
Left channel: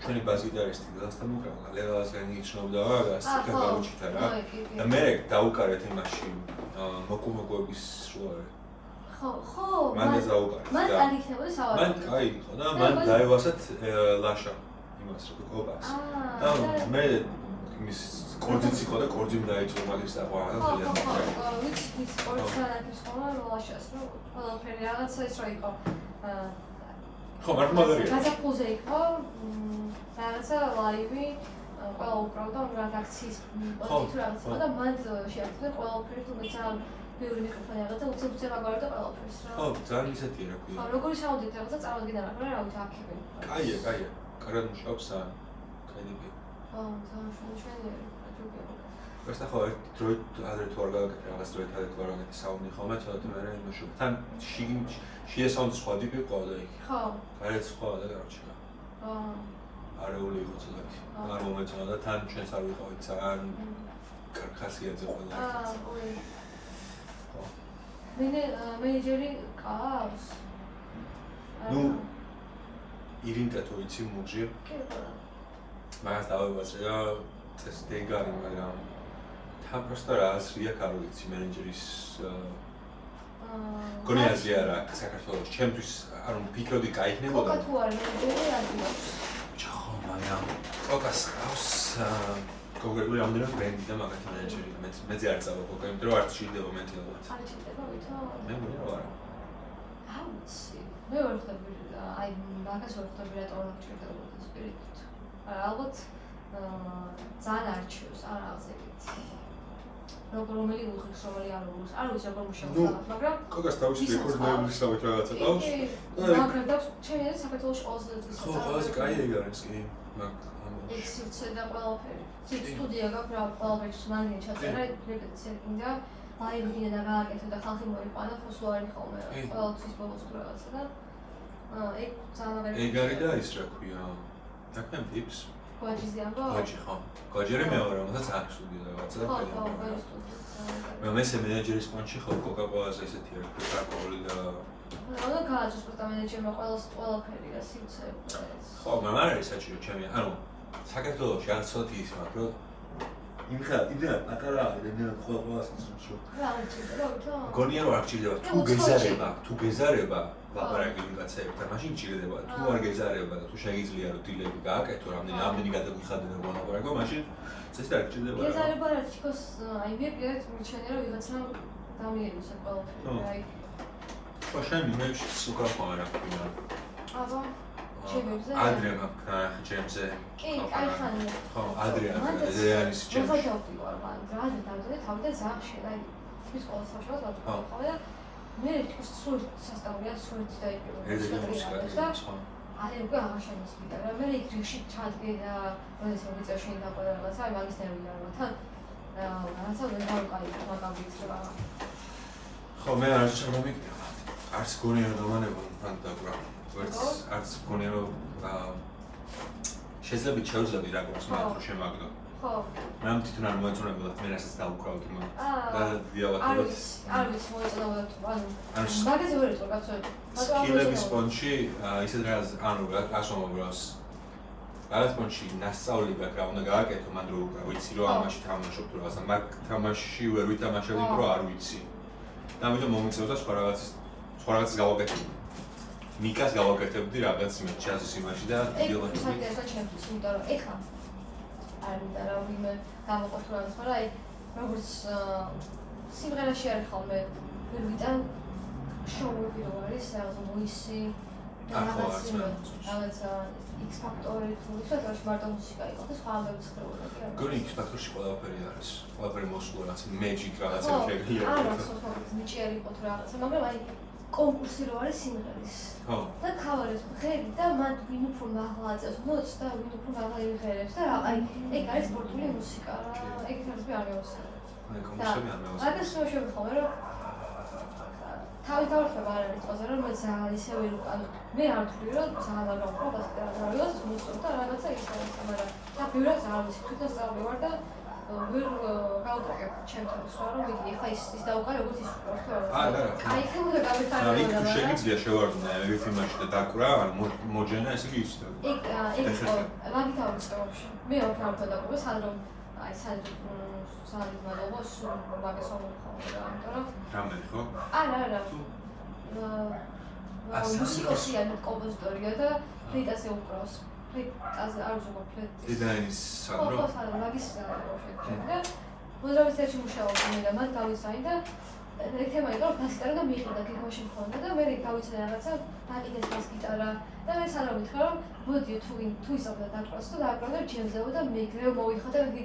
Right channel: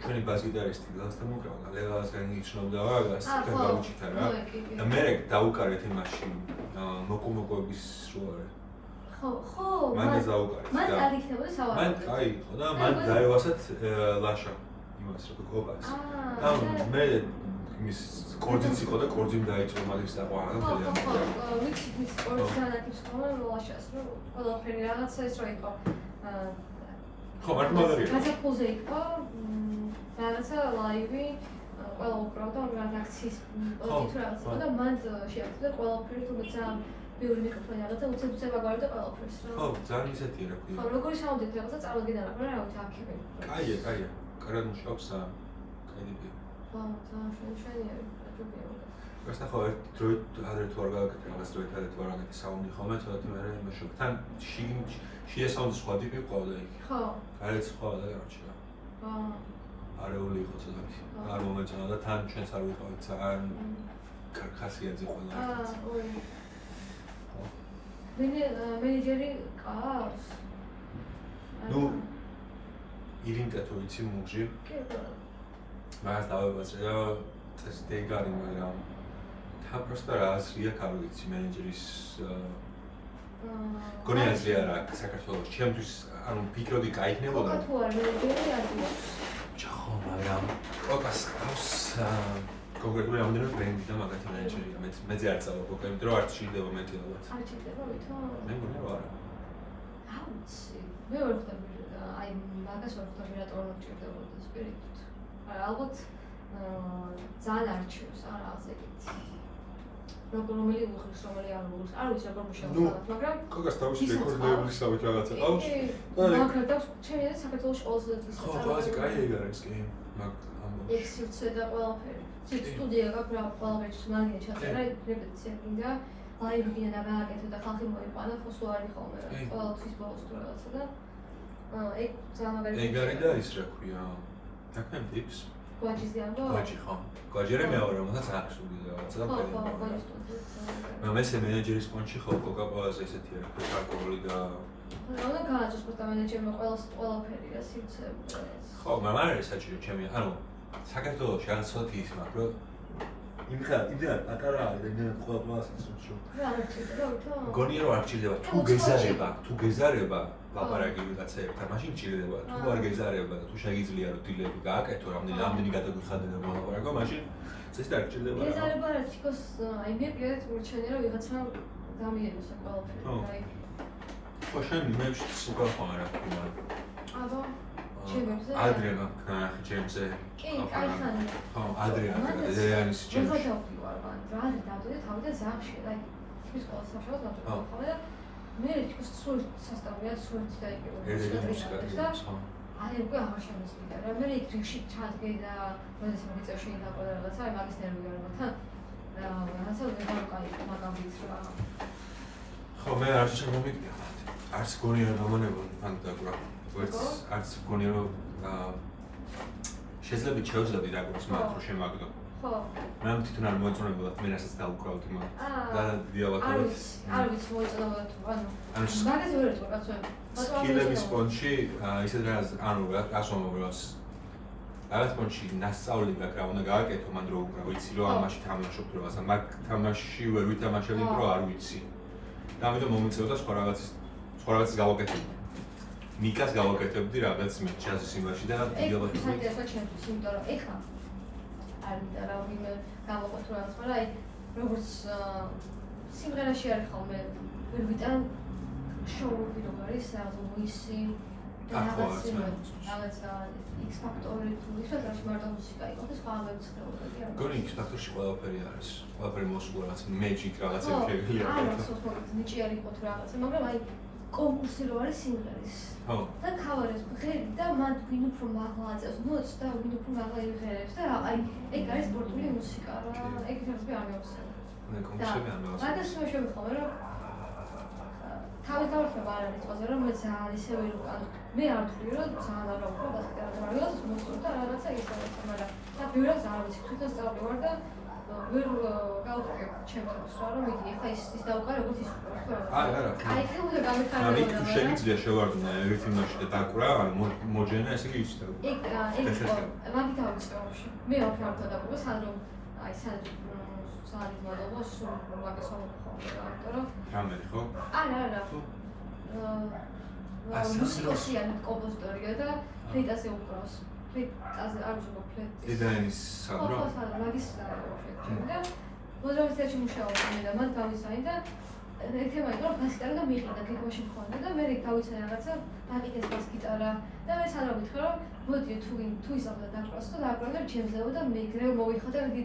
ჩვენი ბაზგიტარისტი ლელასთან უკრავდა, ლელასგან იცნობდა რაღაც და გავუჩითა რა. და მე დაუკარეთ იმაში მოკუმოკოების შოარე. ხო, მან დაუკარეთ. მან არ იქნებოდა სავარაუდო. მან კაი იყო და მან დაევასათ ლაშა იმას რო კოპას. და მე იმის კორძიც იყო და კორძიმ დაიწყო მაგის დაყვა და ხო, ვიცი კორძთან აქ სხვა ლაშას რო ყველაფერი რაღაცა ის რო იყო. ხო, მაგარია. გაზაფხულზე იყო რაღაცა ლაივი ყველა უკრავდა რედაქციის პოზიცია რაღაცა და მან შეაქცია ყველაფერი თუ ძალიან ბევრი მიკროფონი რაღაცა უცებ ვაგარი და ყველაფერს რა. ხო, ძალიან ისეთია რა ქვია. ხო, როგორი საუნდით რაღაცა წარადგინა რა, რა აქები. კაია. კარგად მუშაობს და კრედიბია. ხო, ძალიან შეუჩვენია, აჯობია. просто ხო ერთ დროით ადრე თუ არ გააკეთე რაღაც დროით ადრე თუ არ გააკეთე საუნდი ხოლმე ცოტათი მე იმაშობ თან შია საუნდი სხვა ტიპი ყავდა იქ ხო გარეთ სხვა და გარჩა არეული იყო ცოტათი არ მომეწონა და თან ჩვენს არ ვიყავით ძალიან კარგ ხასიათზე ყველა ერთად მენეჯერი ყავს ну ირინკა თუ იცი მუღჟი მას დავაბაზრდა ეს დეგარი მაგრამ თან просто რა არ ვიცი მენეჯერის გონიაზე არა საქართველოს ჩემთვის არ ვფიქრობდი გაიქნებოდა თუ არ მენეჯერი არ არის ხო მაგრამ კოკას ყავს კონკრეტულად ამდენად ბრენდი და მაგათი მენეჯერია მეც არ წავა კოკა იმიტომ რომ არ ჭირდება მეტი ალბათ არ ჭირდება ვითო მე მგონია არა აუცი მე ვერ ხვდები და აი მაგას ვერ ხვდები რატო არ ჭირდება სპირიტით ალბათ ძალიან არჩევს არა ასე ვიცი რომელი უხის რომელი არ უღის არ ვიცი როგორ მუშაობს მაგრამ კოკას თავისი რეკორდების სამეთ რაღაცა ყავს მაგრამ და ჩემი ეს საქართველოს ყველაზე ხო ყველაზე კაი ეგ არის კი მაგ ეს სივრცე და ყველაფერი სტუდია გაქვს რა ყველაფერს მაგინე ჩაწერა რეპეტიცია კიდე ლაივი კიდე და გააკეთო და ხალხი მოიყვანა ხო სულ არის ხოლმე რა ყოველთვის ბოლოს თუ რაღაცა და ეგ ძალიან მაგარი ეგ არის და ის რა ქვია დაკნემ ტიპს გვაჯიზე ამბო გვაჯი ხო გვაჯერე მეორე რომელსაც არ სტუდია რაღაცა და მე მესე მენეჯერის პონჩი ხო კოკა ყველაზე ესეთი არის პროკარკოვული და და გააძოს პორტა მენეჯერმა ყველაფერია სივრცე ხო მაგრამ არ არის საჭირო ჩემი ანუ საქართველოში არ ცოტი ის მაგრამ რომ იმხარ პატარა არის რამდენად ყველას ისმის რომ რა არ ჭირდება ვითო გონია რომ არ ჭირდება თუ გეზარება ლაპარაკი ვიღაცაებთან მაშინ ჭირდება თუ არ გეზარება და თუ შეგიძლია რომ დილები გააკეთო რამდენი გადაგვიხადე და ლაპარაკო მაშინ წესი არ ჭირდება რა გეზარება რა თქოს აი მე პირადად მორჩენია რომ ვიღაცა დამიენოს ეს ყველაფერი აი ხო შენ მე სულ ხო არა ვქნა აბა ჩემზე ადრე მაქვს ახ ჩემზე კი კაიხანი ხო ადრე არის ჩემზე მე ვაჯობდი ვარ მაგრამ დავდე თავიდან ზახში და ის ყველა საშუალო ხო და მე თვითონ სულ სასწავლია სულ და აი უკვე აღშენებდა რა მე რიგში ჩადგე და როდესაც მიწაში დაყვა რაღაცა აი მაგის ნერვი არ მათან რაღაცა ვერ გავყავი მაგამ ვიცრება ხო მე არც არ მომიგია არც გონია რომ დამანებო ფანტაგრა არც გონია რომ შეძლები რა გვაქვს მაგ რო შემაგდო ხო მე ამ თვითონ არ მოეწონებოდა მე რასაც დაუკრავდი მაგ და დიალოგით არ ვიცი მოეწონებოდა ანუ მაგაზე ვერ ეტყვა კაცო სკილების პონჩი ისეთ რაღაც ანუ გასვამობრას რაღაც პონჩი ნასწავლი გაქვს რა უნდა გააკეთო მან რო ვიცი რომ ამაში თამაშობ რაღაცა მაგ თამაში ვერ ვითამაშებდი რომ არ ვიცი და ამიტომ მომიწევდა სხვა რაღაცის გავაკეთებდი მიკას გავაკეთებდი რაღაც მე ჯაზის იმაში და დიალოგით ეს ჩემთვის იმიტომ რომ ეხლა არ მინდა რა ვინმე გამოყოფ რაღაც მაგრამ აი როგორც სიმღერაში არის ხოლმე ვერ ვიტან შოუები რო არის რაღაც მოისი რაღაცა X Factor-ი თუ ისეთ რა მარტო მუსიკა იყო და სხვა ამბებს ხდება კი არა გონი X Factor-ში ყველაფერი არის ყველაფერი მოსულა რაღაც magic რაღაცები შეიძლება არა ნიჭი არის ხო თუ რაღაცა მაგრამ აი კონკურსი რო არის სიმღერის ხო და ქავერებს ღერი და მან ვინ უფრო მაღლა აწევს მოც და ვინ უფრო მაღლა იღერებს და აი ეგ არის სპორტული მუსიკა რა ეგ არის არ გავუსწრებ მე კონკურსები არ გავუსწრებ მაგას შევშევ ხოლმე რომ თავი დავხდება არ არის წოზე რომ მე ძალიან ისე ვერ ანუ მე არ ვთვლი რომ ძალიან არ გავუყურებ და რაღაც მოსწონს და რაღაცა ის არის მაგრამ და ბევრად ძალიან ვიცი თვითონ სწავლი ვარ და ვერ გავუყურებ ჩემთვის რა რომ იგი ეხა ის დაუკარე როგორც ის უყურებს რა არა აი ხემოდა გამიხარდა და თუ შეგიძლია შევარდნა ეგ იმაში და დაკვრა ანუ მოჯენა ესე იგი ის და ეგ მაგით ავწევში მე ვარ დავყურებ სანდრო აი სანდრო მადლობა სულ მაგას ვამოხმო და ამიტომ რომ რამე ხო არა მუსიკოსიანი კომპოზიტორია და ფლეიტაზე უკრავს ფლეიტაზე არ ვუყურებ ფლეიტს ედაინის სანდრო ხო სანდრო მაგის და მოზარდიაში მუშაობდი და მან გავიცანი და ერთმა იყო ბასკარი და მიყიდა გიგოში მქონდა და მე გავიცანი რაღაცა დაკინეს ბას გიტარა და მე სანდრო მითხრა რომ მოდი თუ ისაბდა დაკვას და დააკვრა ჩემზეო და მეგრევ მოიხადა იგი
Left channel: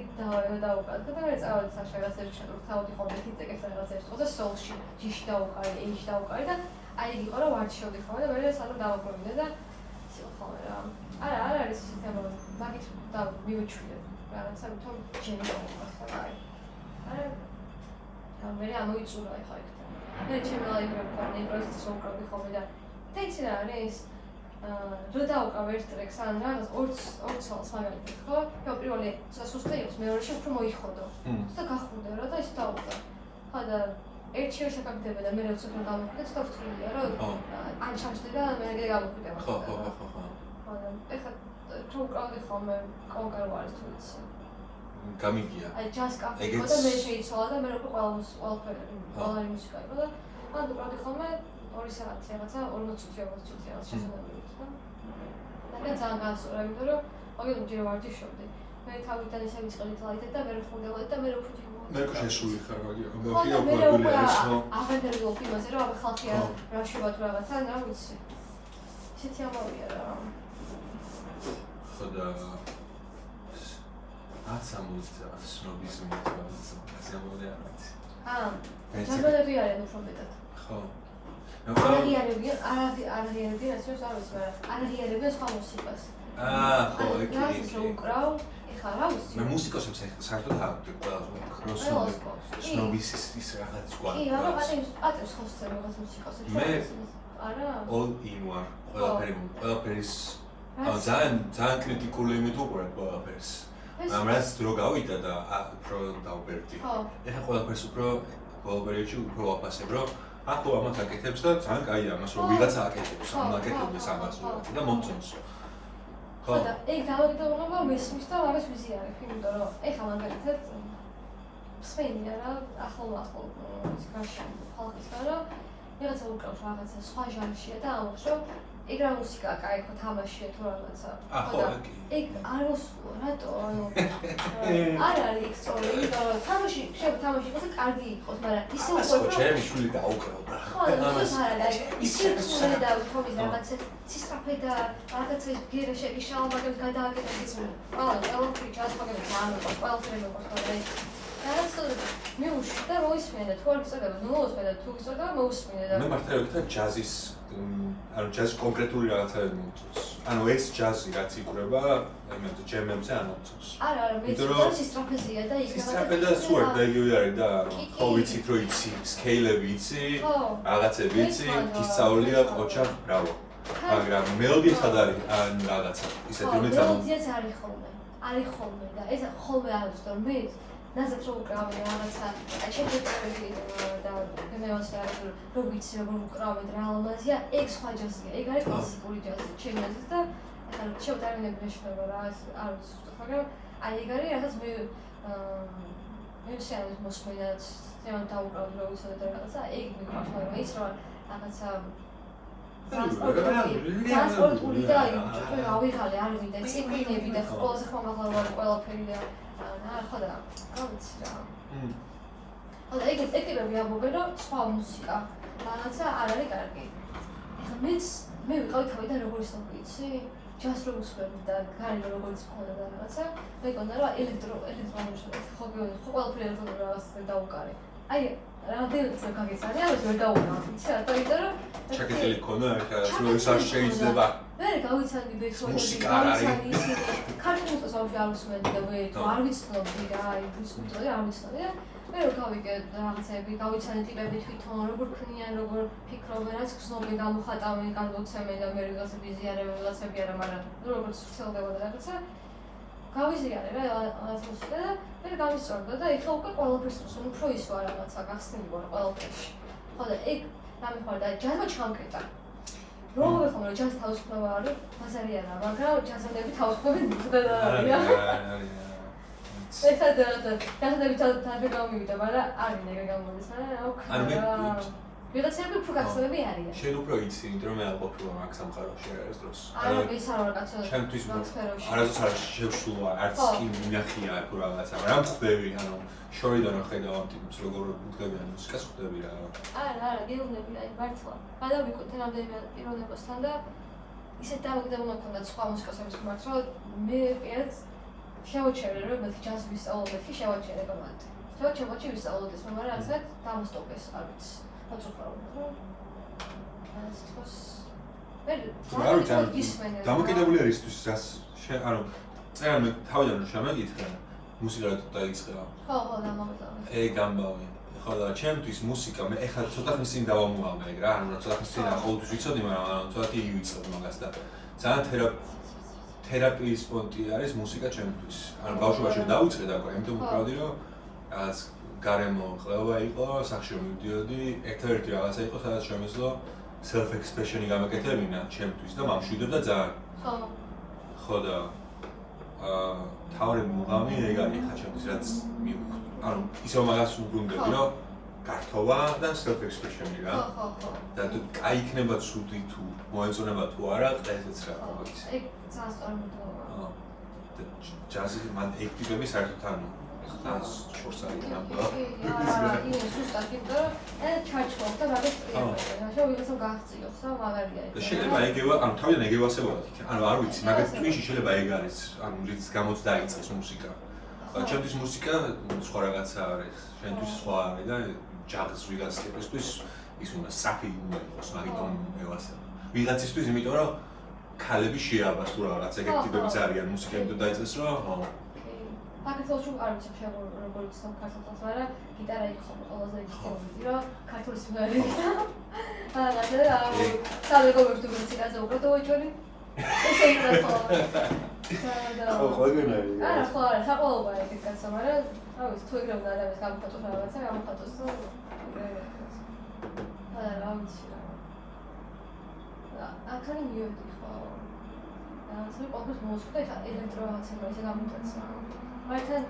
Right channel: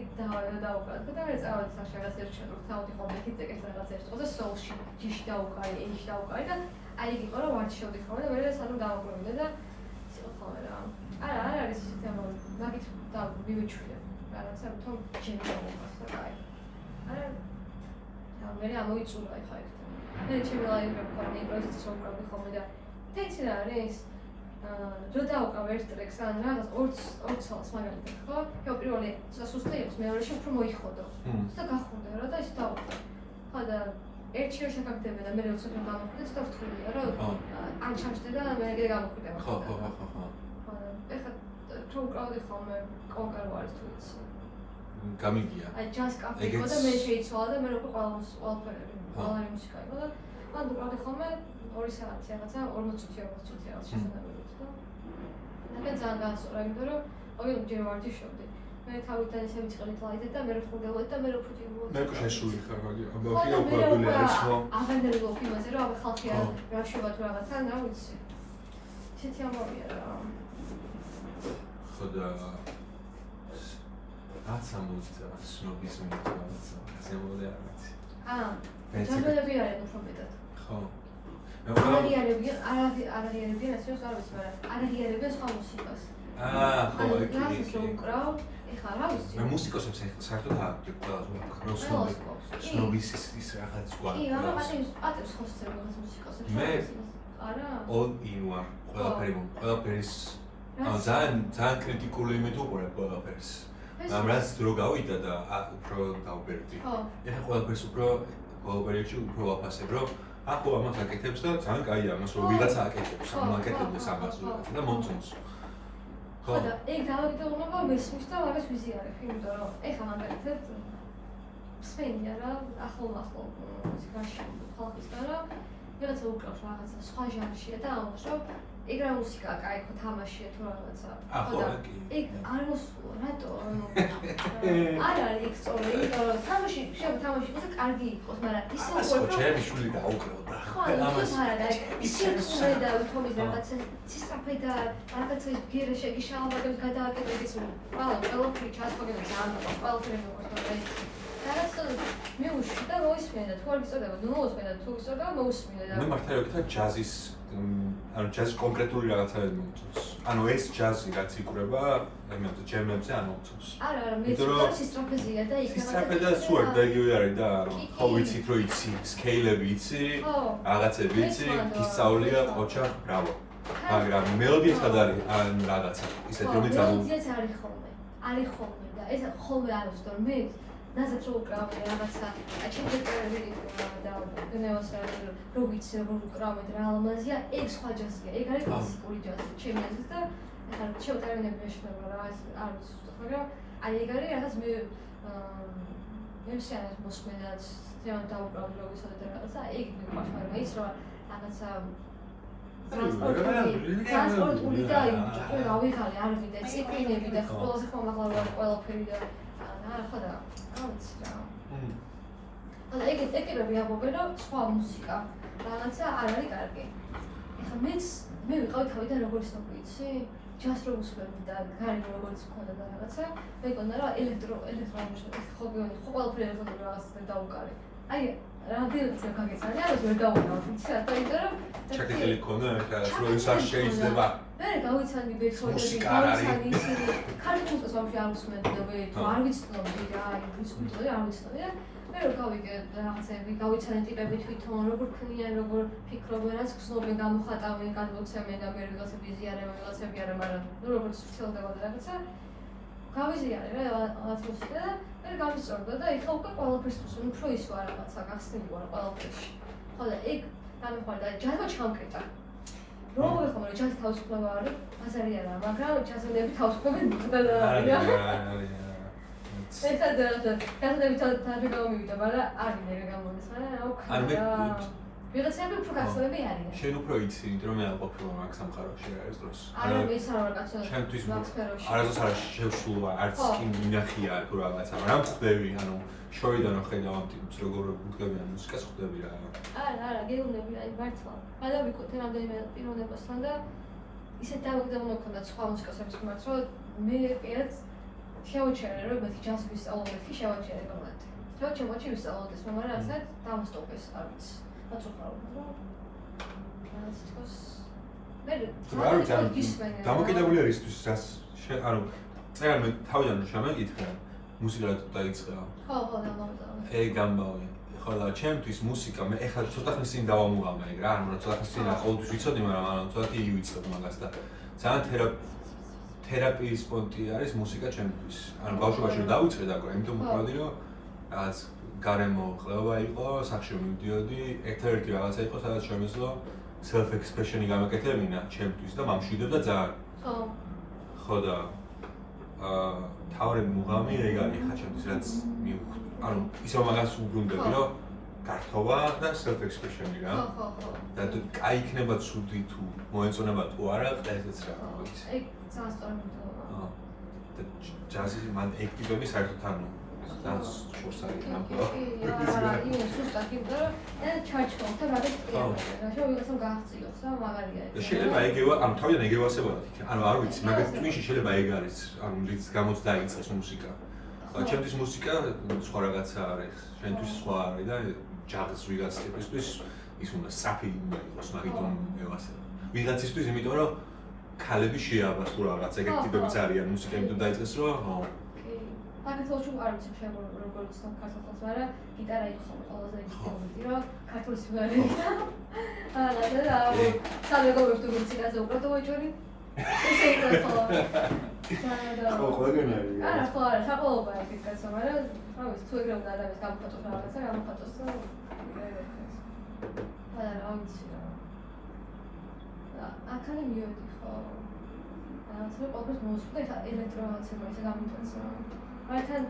დაუკრა და მე წავედი საშა რაღაც ერთში რომ თავი ხოლმე თითეკებს რაღაც ერთს და სოლში ჯიში დაუკარი ეიში დაუკარი და აი იგი იყო რომ ვარჩიოდი ხოლმე და მე სანდრო დავაკვირვინე და ისე ხოლმე რა არა არის ისე თემა მაგით და მივეჩვიდე რაღაცა თვითონ ჩემი მომხდარა არა მე ამოიწურა ეხლა ეგ მე ჩემი ლაიბრები ქონია პროცესის უკრავდი ხოლმე და იცი რა არის რო დაუკრავ ერთ ტრეკს ან რაღაც ორ ცალს მაგალითად ხო პირველი სასუსტე იყო მეორეში უფრო მოიხოდო და გახურდა რა და ის დაუკრა ხო და ერთ შერს აკეთებდა და მე როცა გამოვიდა ცოტა ვთვლიდა რომ არ ჩამჭდება, მე გამოხდება. ხო. ეხლა თუ უკრავდი ხოლმე კონკრეტულ არის თუ იცი. გამიგია. აი ჯაზ კაფე იყო და მე შეიცვალა და მე როგორ ყველაფერი მუსიკა იყო და ან უკრავდი ხოლმე 2 საათი რაღაცა 40 წუთი რაღაც შესაძლებელი იყო. და ძალიან განსწორა, იმიტომ რომ მაგალითად ჯერ ვარჯიშობდი. მე თავიდან ისე ვიწყებდი ლაიტად და მე ვხვდებოდი და მე ვხვდებოდი. მე შეშული ხარ მაგია. ამბავი ოპრებული არის ხო? აღენდები ვფიქრობდი რომ აბა ხალხი რა შევა თუ რაღაცა, რა ვიცი. ისეთი ამბავია რა. ხოდა ასამოძა სნობიზმი რაღაცა ზემოდე არის. ჯანდები არიან უფრო მეტად. ხო. არაღიარებიან ასე რომ არ ვიცი, მაგრამ არაღიარებიან სხვა მუსიკას. ხო, კი. უკრავ, ეხლა რა ვიცი. მე მუსიკოსებს საერთოდ აღვდი ყველა სნობის ის რაღაც ყვა. კი, რა პატივს ხოსწე რაღაც მუსიკოსებს. მე არა. all in war ყველაფერის ძალიან კრიტიკული იმით უყურებ ყველაფერს. რაც დრო გავიდა და უფრო დავბერდი. ეხლა ყველაფერს უფრო ბოლო პერიოდში უფრო ვაფასებ, რომ ახლა ამას აკეთებს და ძალიან კაია ამას რომ ვიღაცა აკეთებს, აკეთებს ამას და მომწონს. ხო და ეგ დავაგდო მისმის და არის ვიზიარებ, იმიტომ რომ ეხლა მაგალითად სვენია რა ახლა მუსიკაში ხალხისგან რომ ვიღაცა უკრავს რაღაცა სხვა ჟანრშია და ამბობს რომ ეგ რა მუსიკაა, კაი ხო თამაშია თუ რაღაცა. ხო, ეგ არ უსულო, რატო? არ არის ეგ სწორი, იმიტომ რომ თამაში იყოს და კარგი იყოს, მაგრამ ისე უკვე ჩემი შვილი დაუკრავდა. ხო, ისე ისე და თომის რაღაცა ცისტრაფე და რაღაცა ის გირა შეგიშალმაგებს გადააკეთებს. ყველაფერი ჩასწავლები ძალიან ყველაფერი მოხდა. მე უშ და მოისმენდა თუ არ გიწოდება, ნუ მოსმენდა თუ გიწოდება მოусმინე და მე მართლა ჯაზის ჯაზ კონკრეტული რაღაცები მომწონს. ანუ ეს ჯაზი რაც იკვრება, იმაზე ჯემებზე არ მომწონს. არა, მე ცოტა სტრაფეზია და იქ სტრაფე და სუარ და იგივე არის და ხო ვიცით რომ იცი, სკეილები იცი, რაღაცები იცი, გისწავლია ყოჩა, ბრავო. მაგრამ მელოდია სად არის ან რაღაცა, ისეთი რომ მელოდიაც არის ხოლმე და ეს ხოლმე არის რომ მე ნაზად რო უკრავდი რაღაცა, აი შეგვიძლია და მე ვასწავლე რომ ვიცი როგორ უკრავდი რა ალმაზია, ეგ სხვა ჯაზია, ეგ არის კლასიკური ჯაზი, ჩემი აზრით და შევტარებინები მეშნობა რა არ ვიცი ზუსტად, მაგრამ აი ეგ არის რაღაც მე შეაძლევს მოსმენაც, თემად დაუკრავდი რომ ვიცოდი რაღაცა, ეგ მიყვარს, მაგრამ ის რა რაღაცა ტრანსპორტული და ავიღალე არ ვიდა ციფრინები და ყველაზე ხომაღლა ყველაფერი და ხო და რა ვიცი რა. ანუ ეგ ვიამბობ რომ სხვა მუსიკა რაღაცა არ არის კარგი. ეხლა მე ვიყავი თავიდან როგორც ვიცი, ჯაზ რო უსმენდი და გარი როგორც მქონდა და რაღაცა, მე გქონდა რომ ელექტრონული ხო ყველაფერი ელექტრონული რაღაც დაუკარე. აი რამდენიც გაგეცადე, ამას ვერ დაუკრავ. იცი რა, იმიტომ რომ ჩაკეტილი ქონდა ახლა ეს არ შეიძლება. მე გავიცადი ბექრონები, ქართულ მუსიკას არ უსმენდი და მე არ ვიცნობდი რა, აი ვისმენდი არ ვიცნობდი და მე რო გავიგე რაღაცები, გავიცანე ტიპები თვითონ, როგორ ქმნიან, როგორ ფიქრობენ, რაც გრძნობენ, გამოხატავენ, განვოცემენ და მე რაღაცები იზიარებ, რაღაცები არა, მაგრამ როგორც ვცელდება და რაღაცა გავიზიარე რა რაღაც მუსიკა და მე გავისწორდა და ეხლა უკვე ყველაფერს უსმენ, უფრო ის ვარ რაღაცა გახსნილი ვარ ყველაფერში. ხო და ეგ დამიხარდა ჯაზმა ჩამკრიტა. როგორ ხომ რომ ჯაზ თავისუფლება არის, ბაზარი არა, მაგრამ ჯაზმენები თავისუფლები მიწდა და არიან. ეხლა ჯაზები თავი გამივიდა, მაგრამ არ მინდა გამომის, არა? ვიღაცები უფრო გახსნები არიან. შენ უფრო იცი, იმიტომ რომ მე არ ყოფილი მაგ სამყაროში არის დროს. არა, მე ისაა რა კაცო. ჩემთვის არასდროს არ შევშულა, არც კი მინახია თუ რაღაცა, მაგრამ ხვდები, ანუ შორიდან ხედავ ამ ტიპს, როგორ ხვდებიან მუსიკას ხვდები რა. არა, გეუბნები, აი მართლა. გადავიკეთე რამდენიმე პიროვნებასთან და ისეთ დავაგდე მომქონდა სხვა მუსიკოსების მიმართ, რომ მე პირად შევაჩერე, რომ მათი ჯაზი ვისწავლოთ, შევაჩერე გამოვიდე. შევაჩერე ვისწავლოთ, მაგრამ რაღაცა დამასტოკეს, არ ვიცი. დამოკიდებული არის ის რაც ანუ წერან მე თავიდან რომ შემეკითხე მუსიკა დაიწყე. ხო, დამოკიდებული. ეგ ამბავი. ხო და ჩემთვის მუსიკა მე ეხლა ცოტა ხნის წინ დავამუამა ეგ რა, ანუ ცოტა ხნის წინ ყოველთვის ვიცოდი, მაგრამ ანუ ცოტა იგი ვიცოდი მაგას და ძალიან თერაპიის პონტი არის მუსიკა ჩემთვის. ანუ ბავშვობაში დავიწყე და ამიტომ ვправდი რომ რაღაც გარემო ყლევა იყო, სახში მივდიოდი, ერთადერთი რაღაცა იყო, სადაც შემეძლო self expression-ი გამაკეთებინა ჩემთვის და მამშვიდობდა ძალიან. ხო და თავი მუღამი ეგ არის ხა ჩემთვის რაც ანუ ისევ მაგას უბრუნდები რომ გართობა და self expression-ი რა. და თუ კაი იქნება ცუდი თუ მოეწონება თუ არა, ესეც რა მოიცი. ეგ ძალიან სწორია. ჯაზი მან ეგ ტიპები საერთოდ ანუ ძალიან შორს არის ნაბა. ის უბრალოდ იყო და ჩარჩო და რაღაც კი. შეიძლება გახციოს და მაგარია. და შეიძლება ეგევა, ანუ თავიდან ეგევა ასებოდა თქი. ანუ არ ვიცი, მაგას twin-ში შეიძლება ეგ არის, ანუ რიც გამოც დაიწყეს მუსიკა. ჩემთვის მუსიკა სხვა რაღაცა არის, შენთვის სხვა არის და ჯაზ ვიღაც ტიპისთვის ის უნდა საფი უნდა იყოს, მაგიტომ ევასება. ვიღაცისთვის იმიტომ რომ ქალები შეაბას თუ რაღაც ეგ ტიპებიც არიან მუსიკა იმიტომ დაიწყეს რომ საქართველოში არ ვიცი შეიძლება როგორც საქართველოს, მაგრამ გიტარა იყო ყველაზე ისეთი რომ ქართული სიმღერა და სამეგობრებთან მუსიკაზე უბრალოდ უეჭველი ესე იყო ხო ყველგან არის არა ხო არა საყოველთაო ეგეთ კაცო მაგრამ რა ვიცი თუ ეგრე უნდა ადამიანს გამოხატოს რაღაცა გამოხატოს და რა ვიცი აქანი მივედი ხო რაღაცა ყოველთვის მოვუწყდა ეხა ელექტრომაცება ესე გამიწეცა მაგრამ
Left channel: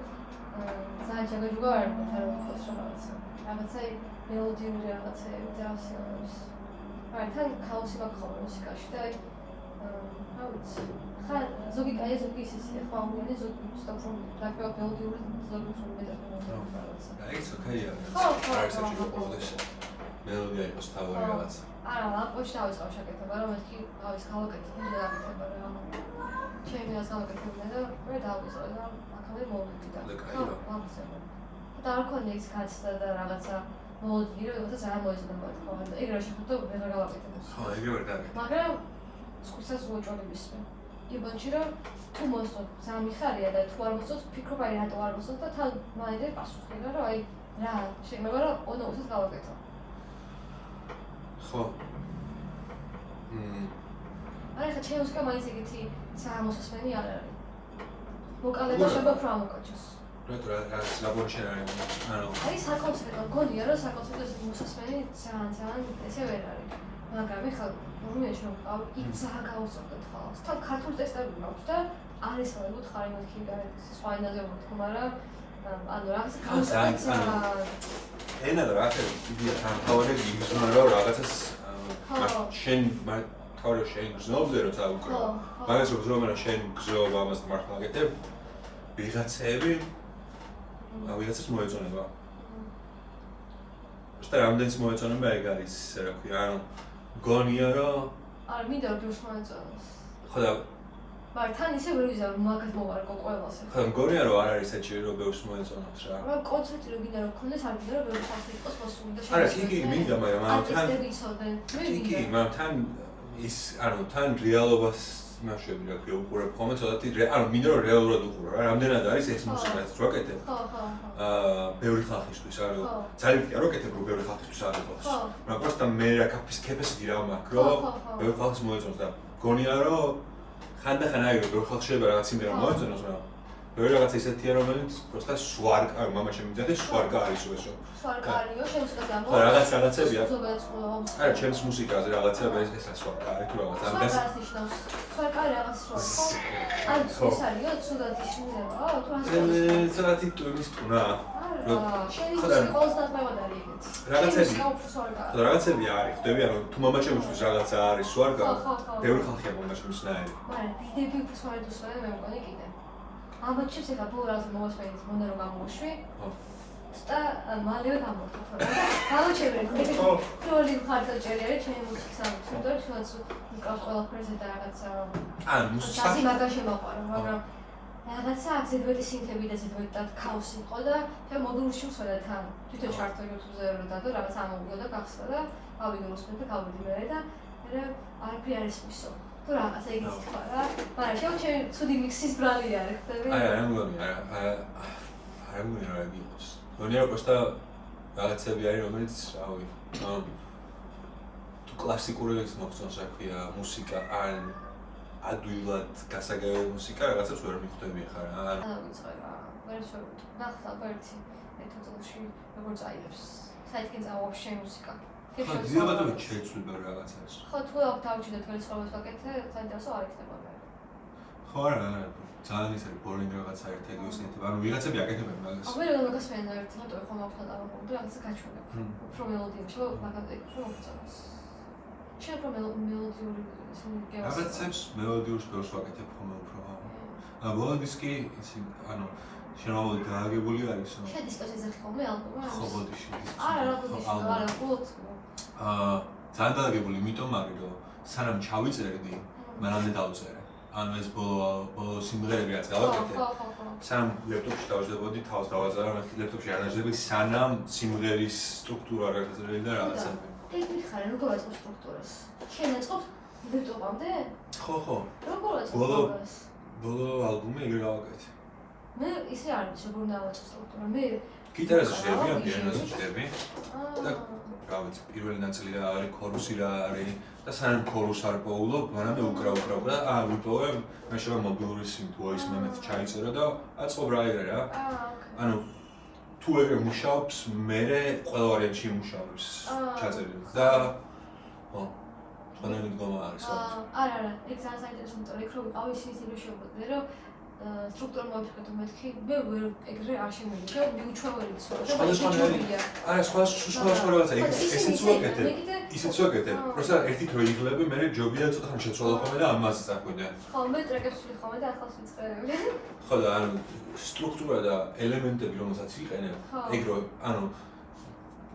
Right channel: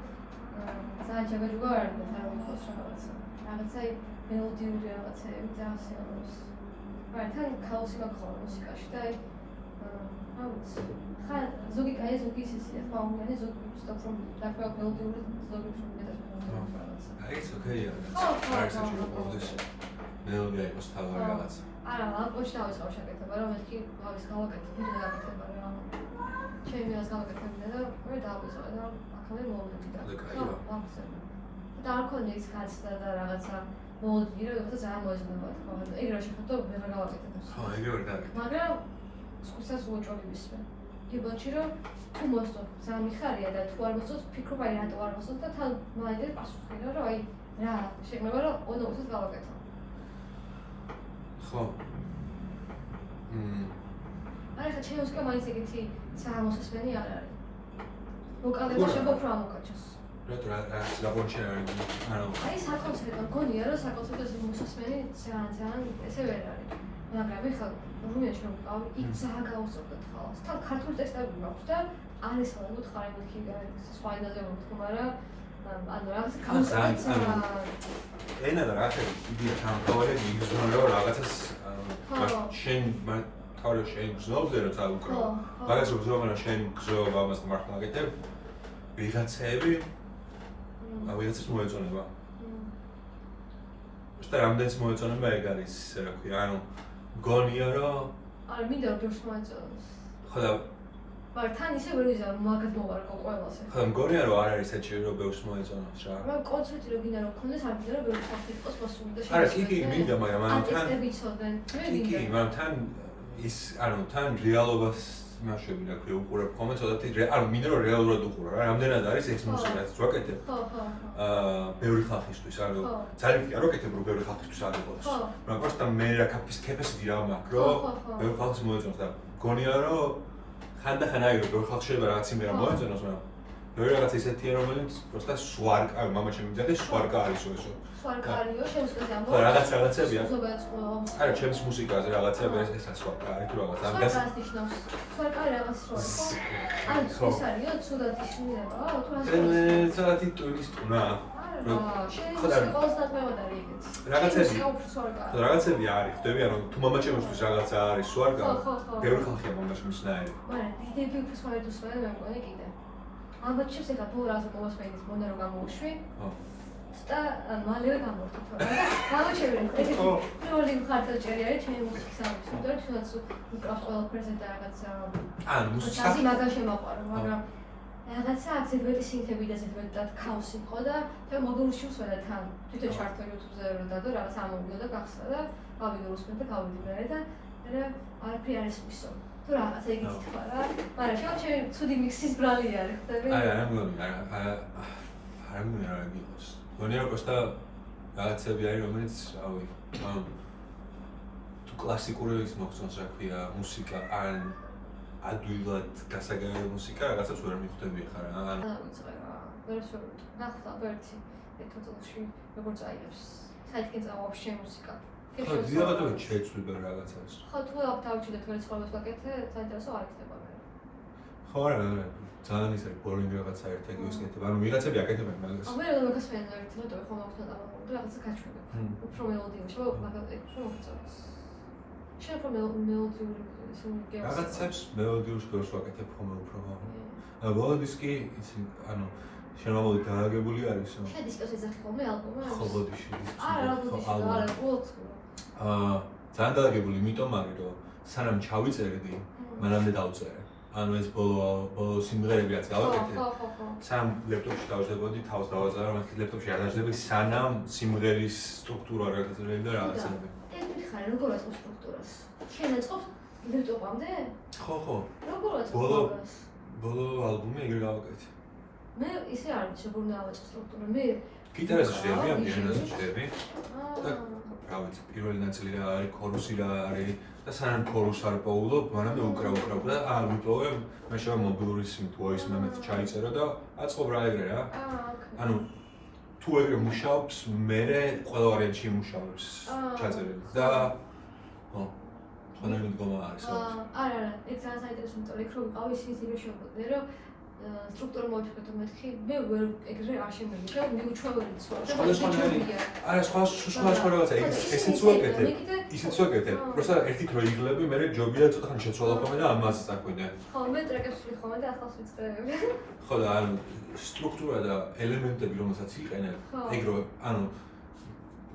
ძალიან ჯაგაჯუგა არ მოთ არ მიხოს რაღაცა მელოდიური რაღაცეები ძალიან სიამოვნოს მაგრამ ქაოსი მაქვს მუსიკაში და რა ვიცი ხა ზოგი კაი ზოგი ისე ხო ამიანი ზოგი უბრალოდ რომ დაკავ მელოდიური ზოგი უფრო მეტად რაღაცა it's okay არა საჭირო ყოველთვის მელოდია იყოს თავი რაღაცა არა ალკოში დავიწყავ შეკეთება რომ მეთქი ავის გავაკეთე და გავაკეთება რა ჩემი ასე გავაკეთე და ვერ დავიწყე და აქამდე მოვიდი და ვამცემ და არ ქონია ის კაცსა და რაღაცა მოლოდი რომ რაღაცა ძალიან მოეწონება თქო და ეგ რა შეხვდა ვერ გავაკეთე ხო ეგრე ვერ გავაკეთე მაგრამ სხვისას უოჭველი მისვე იბანში რომ თუ მოსწოთ ძალიან მიხარია და თუ არ მოსწოთ ფიქრობ აი რატო არ მოსწოთ და თან მაინდა პასუხი რომ აი რა შემეღო რომ ონოუსს გავაკეთო ხო არა ხა ჩემს კამაის ეგეთი სამოსასმენი არ არის ვოკალები შეიძლება უფრო ამოკაჩოს რატო რა ლაბორატორია ანუ აი საკონცერტო გონია რომ საკონცერტო მოსასმენი ძალიან ესე ვერ არის მაგრამ ხა რომელი შემოყავ იქ ძალიან გავუსწორდეთ ხოლმე თან ქართულ ტესტები მაქვს და არის რა უთხარი მეთქი სხვა ენაზე ვთქვა მაგრამ ანუ რაღაცა კონსერტია ენა და რაღაცა იდეა თანხავები გიგზავნა რომ რაღაცას შენ თავი შენ გზნობზე რომ წავუკრო მაგას რომ გზნობენ რომ შენ გზნობ ამას მართლა გაკეთებ ვიღაცები ვიღაცას მოეწონება უბრალოდ რამდენიც მოეწონება ეგ არის რა ქვია ანუ გონია რომ არ მინდა რომ შემოეწონოს ხო და მაგრამ თან ისე ვერ ვიზარ რომ მაგას მოვარკო ყველას ხო მგონია რომ არ არის საჭირო რომ ბევრს მოეწონოს რა მაგრამ კონცერტი რომ გინდა რომ ქონდეს არ მინდა რომ ბევრი ხალხი იყოს მოსული და არა კი მინდა მაგრამ თან კი მაგრამ თან ის ანუ თან რეალობას ნაშები რა ქვია უყურებ ხოლმე ცოტათი ანუ მინდა რომ რეალურად უყურო რა რამდენად არის ეს მუსიკაც რო აკეთებ ბევრი ხალხისთვის ანუ ძალიან ვიტყვა რომ აკეთებ რომ ბევრი ხალხისთვის არ იყოს მაგრამ просто მე რა capacity რა მაქვს რომ ბევრი ხალხს მოეწონოს და გონია რომ ხანდახან აი რომ ბევრი ხალხს შეიძლება რაღაც იმერა მოეწონოს მაგრამ ბევრი რაღაც ისეთია რომელიც просто სვარკა მამა შემიძლია სვარკა არის ესო სვარკა არისო შემოსკაზე ამბობ ხო რაღაცებია ზოგადად არა ჩემს მუსიკაზე რაღაცებია ეს სვარკა არის თუ რაღაც ამ გას სვარკა რაღაც რო აი ეს არისო ცუდად ისმევა თუ ასე ცოტათი ტურისტუნა რაღაცები არის ხდები ანუ თუ მამაჩემისთვის რაღაცა არის სვარკა ბევრი ხალხია მამაჩემს ნაირი მაგრამ დიდები უფრო სვარკს ვარ მე მგონი კიდე ალბათ ჩემს ეხა ბოლოს მოსმენის მონე რომ გამოუშვი და მალევე გამოვხატო გამოჩერე პირველი მხარდაჭერა არის ჩემი მუსიკის ამბავი და თუნდაც მიკროს ყველაფერზე და რაღაცა ან მუსიკა მაგას შემაყვარო მაგრამ რაღაცა ზედვეტი სინთები და ზედვეტად ქაოსი იყო და მოგულში მსვენა თან თვითონ ჩარტო YouTube-ზე რომ დადო რაღაც ამოვიდა და გახსნა და გავიგე უსმენ და გავიდი მე და არაფერი არ ისმისო თუ რაღაც ეგეთი ხარ რა მაგრამ შემოჩემი ცუდი მიქსის ბრალი არის ხდები არა მგონი არა მგონი რა გიყოს გონია რომ просто რაღაცები არის რომელიც რავი ანუ თუ კლასიკური ის მოგწონს რა ქვია მუსიკა ან ადვილად გასაგებია მუსიკა რაღაცას ვერ მიხვდები ხარ რა ანუ დავიწყე რა ვერ ნახლა ვერთი მეთოდში როგორ წაიღებს საერთოდ წავ ვაფშე მუსიკა ხო, დილაბადობით შეცვლება რაღაცას. ხო, თუ აქ დავჭიდეთ ვერც ხოლმე ვაკეთე, საინტერესო არ იქნება. ხო, არა, ძალიან ის არის ბოლინგ რაღაცა ერთ ეგეოსნეთი. ანუ ვიღაცები აკეთებენ მაგას. მე რა მაგასვენა ერთი ნოტები ხომ აქვს და ამოყოლი რაღაცა გაჩვენა. უფრო მელოდია, მაგალითად, რომ მოხდეს. შენ რომ მელოდიური ისინი რაღაცებს მელოდიურ სტილს ვაკეთებ ხოლმე უფრო. ბოლო დისკი იცი, ანუ შემოვიდი დააგებული არის. შენ დისკოს ეძახი ხოლმე ალბომი? ხო, ბოდიში დისკი. არა, ბოდიში, ძალიან დააგებული, იმიტომ არის, რომ სანამ ჩავიწერდი, მანამდე დავწერე. ანუ ეს ბოლო სიმღერები რაც გავაკეთე. სანამ ლეპტოპში დავზრდებოდი, თავს დავაზარა, მაგრამ ლეპტოპში არ დაჟდები, სანამ სიმღერის სტრუქტურა რაღაცები და რაღაცები. ეგ მითხარი, როგორ აწყობს სტრუქტურას? შენ აწყობს ლეპტოპამდე? ხო. როგორ აწყობს სტრუქტურას? ბოლო ალბომი ეგრე გავაკეთე. მე ისე არ ვიცი, როგორ დავაწყო სტრუქტურა. მე გიტარაზე შევდები, ამ პიანოზე შევდები. და რა ვიცი, პირველი ნაწილი რა არის, ქორუსი რა არის და სანამ ქორუსს არ პოულობ, მანამდე უკრავ და ვიპოვე, მე შევა მობილური სიმთ voice memo-ით ჩაიწერა და აწყობ რა ეგრე რა. ანუ თუ ეგრე მუშაობს, მე ყველა ვარიანტში მუშაობს ჩაწერილი და ხო თქვენ მიდგომა არის არა, ეგ ძალიან საინტერესო, იმიტომ რომ იქ რო ვიყავი ისინი შეგვიძლია რომ სტრუქტურა მოვიფიქროთ მეთქი, მე ვერ ეგრე არ შემოვიდა, მიუჩვეველი ცოტა. სხვა რაღაცა ესეც ვაკეთებ. ისეც ვაკეთებ. просто ერთი დრო იღლები, მე ჯობია ცოტა ხანი შეცვალო ხოლმე და ამაზე წახვიდე. ხო, მე ტრეკებს ვიხმოვე და ახალს ვიწყებები. ხო და ანუ სტრუქტურა და ელემენტები რომელსაც იყენებ, ეგ რო ანუ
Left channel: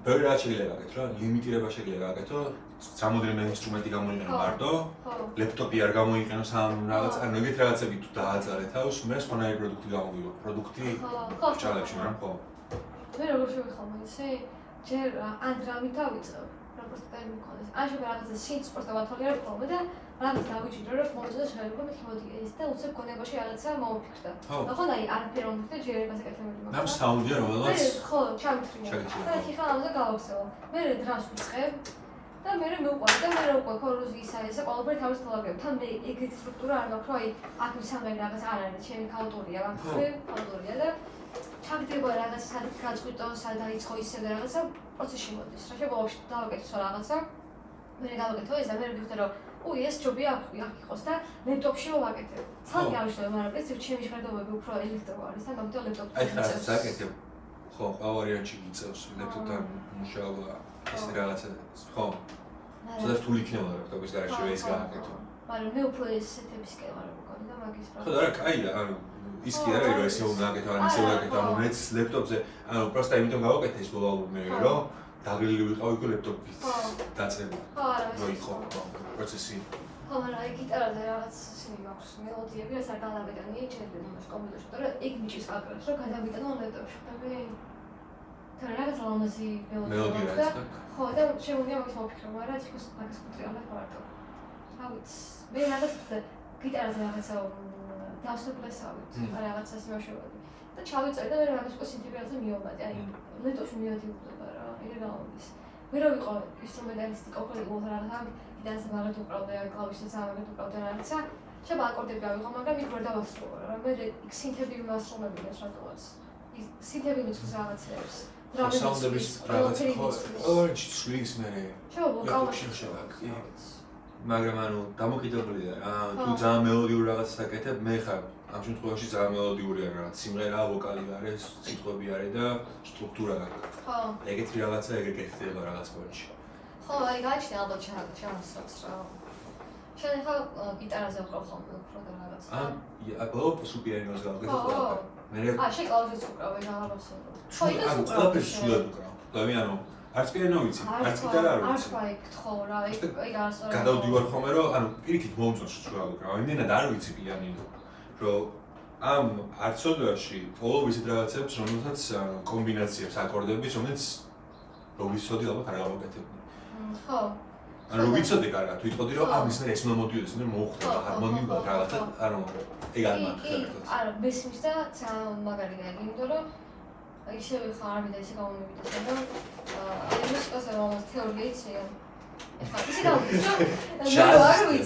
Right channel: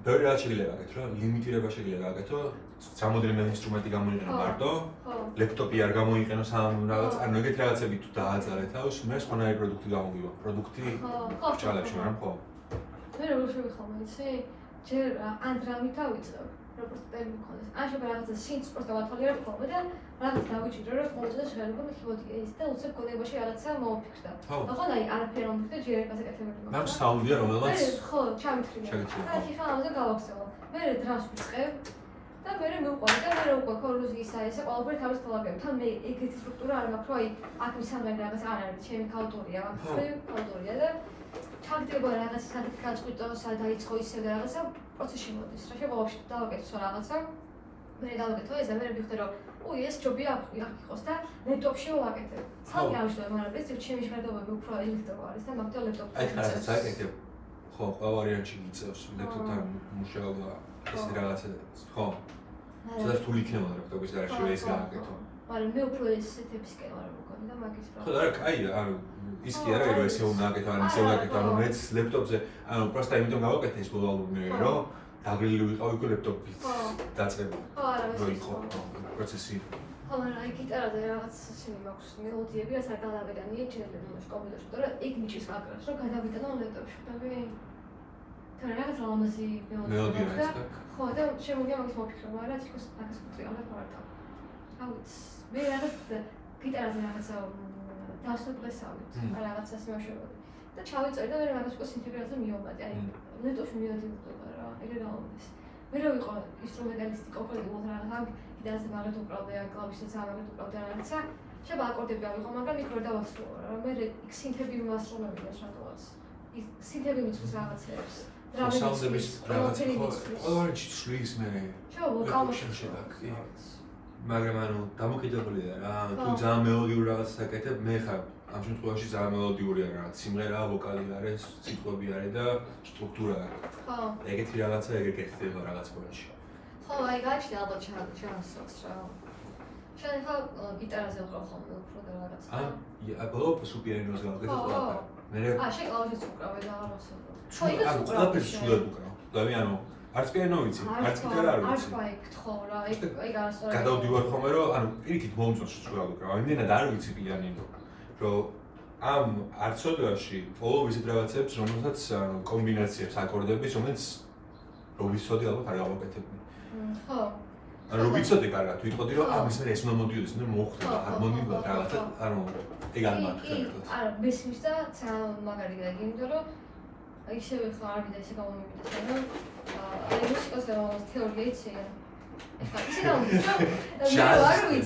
ბევრი რაღაც შეიძლება გაკეთო რა, ლიმიტირება შეიძლება გაკეთო, სამოდრემე ინსტრუმენტი გამოიყენო მარტო, ლეპტოპი არ გამოიყენო სამ რაღაც, ანუ ეგეთ რაღაცები თუ დააძალე თავს, მე სხვანაირი პროდუქტი გამოვიდა, პროდუქტი ჭალებში, მაგრამ ხო. მე როგორ შევიხმო, იცი? ჯერ ან დრამი დავიწყე, როგორც ტემპი მქონდეს. ან შეიძლება რაღაცა სინც პროსტა ვათვალიერებ ხოლმე და რაღაც დავიჭირო, რომ მომწონს შეიძლება მithmodi ეს და უცებ გონებაში რაღაცა მოვიფიქრე. ხო, აი არაფერი არ მომხდე, ჯერ ეგაზე კეთებდი. მაგრამ საუნდია რომელსაც ხო, ჩამიფრინე. და ხიხა ამაზე გავახსენო. მე დრამს ვიწყებ და მე მივყვანე და მე უკვე ქორუზი ისა ესე ყველაფერი თავის თვალაკები. თან მე ეგეთი სტრუქტურა არ მაქვს, რომ აი აქ მისამე რაღაც არ არის, ჩემი ქალტურია, ქალტურია და თავდება რაღაც სადაც გაწყვიტო, სად დაიწყო ისე და რაღაცა პროცესში მოდის. რა შემოვაშ დავაკეთო რაღაცა. მე დავაკეთო ეს და მე ვიხდე რომ უი ეს ჯობია აქ იყოს და ლეპტოპში ვაკეთე. ცალკე არ ვიშლებ, მაგრამ ეს ჩემი ჟღერადობები უფრო ელექტრო არის და მაგით ლეპტოპში. აი რაღაცა აკეთებ. ხო, ყველა ვარიანტში მიწევს ლეპტოპთან მუშაობა, ეს რაღაცა ხო. სადაც თუ იქნება ლეპტოპის გარშე ეს გააკეთო. მაგრამ მე უფრო ესეთებისკენ ვარ მქონი და მაგის პროცესი. ხო, არა, კაია, ანუ ის კი არა რომ ესე უნდა აკეთო, ან ისე უნდა აკეთო, ანუ მეც ლეპტოპზე, ანუ პროსტა იმიტომ გავაკეთე ეს ბოლო ალბომი, რომ დაგრილი ვიყავი უკვე ლეპტოპით დაწერილი. ხო, არა, ეს ხო, პროცესი. ხო, მაგრამ აი გიტარაზე რაღაც ისინი მაქვს მელოდიები, რაც არ გადავიტანია ჩემს კომპიუტერში, და ეგ მიჭის აკრავს, რომ გადავიტანო ლეპტოპში. და მე თან რაღაც ლამაზი მელოდია აქვს. ხო, და შემიძლია მაგის მოვიფიქრო, მაგრამ ის იყოს მაგის კუტრიალებ მარტო. რა ვიცი, მე რაღაც გიტარაზე რაღაცა დავსწრებლესავით, რაღაცას მაშოვდი. და ჩავიწერე და მე რაღაც უკვე სინთეზატორზე მიოვადი, აი ლეპტოპში მივადიოდება რა, ეგრე გავუდის. მე რო ვიყო ინსტრუმენტალისტი ყოფილიყო რაღაცა, გიტარაზე მაგათ უკრავდა, კლავიშებს ამაგათ უკრავდა რაღაცა. შეიძლება აკორდები ავიღო, მაგრამ იქ ვერ დავასრულო რა. მე იქ სინთეზები ვასრულებია რატოაც. ის სინთეზები მიწვის რაღაცებს. საუნდების რაღაცა ხო, ყველაში ცვლის მე. შევაკავე. მაგრამ ანუ დამოკიდებულია რა, თუ ძალიან მელოდიური რაღაცას აკეთებ, მე ხარ ამ შემთხვევაში ძალიან მელოდიურია რა, სიმღერა, ვოკალი არის, სიტყვები არის და სტრუქტურა აქვს. ხო. ეგეთი რაღაცა ეგრე გეთდება რაღაც პოინტში. ხო, აი გაჩნდა ალბათ ჩანსოც რა. შენ ხა გიტარაზე ვყავ ხოლმე უფრო და რაღაცა. ბოლო სუპერინოზე გავაკეთე ყველაფერი. მე შენ კლავიშებს უკრავე და რაღაცა. ხო, ანუ ყველაფერს სულად უკრავ. ანუ არც პიანო ვიცი, არც გიტარა არ ვიცი. არ ვაიქთხოვ რა, ეგ არასოდეს. გადავდივარ ხოლმე რომ ანუ პირიქით მომწონს სულად უკრავ. იმდენად არ ვიცი პიანინო. რომ ამ არცოდაში ბოლო ვიზით რაღაცებს, რომელსაც კომბინაციებს აკორდების, რომელიც რომ ვიცოდი ალბათ არ გავაკეთებდი. ხო. ანუ ვიცოდი კარგად, ვიტყოდი რომ ამის მე ეს უნდა მოდიოდეს, მე მოხდება ჰარმონიულად რაღაცა, ანუ ეგ არ მაქვს. არა, მესმის და ძალიან მაგარია იგი, იმიტომ რომ ისევე ხარ ამიდა ისე გამომივიდა, რომ მუსიკაზე რომ თეორია იცი. ეხლა ისე გამომივიდა.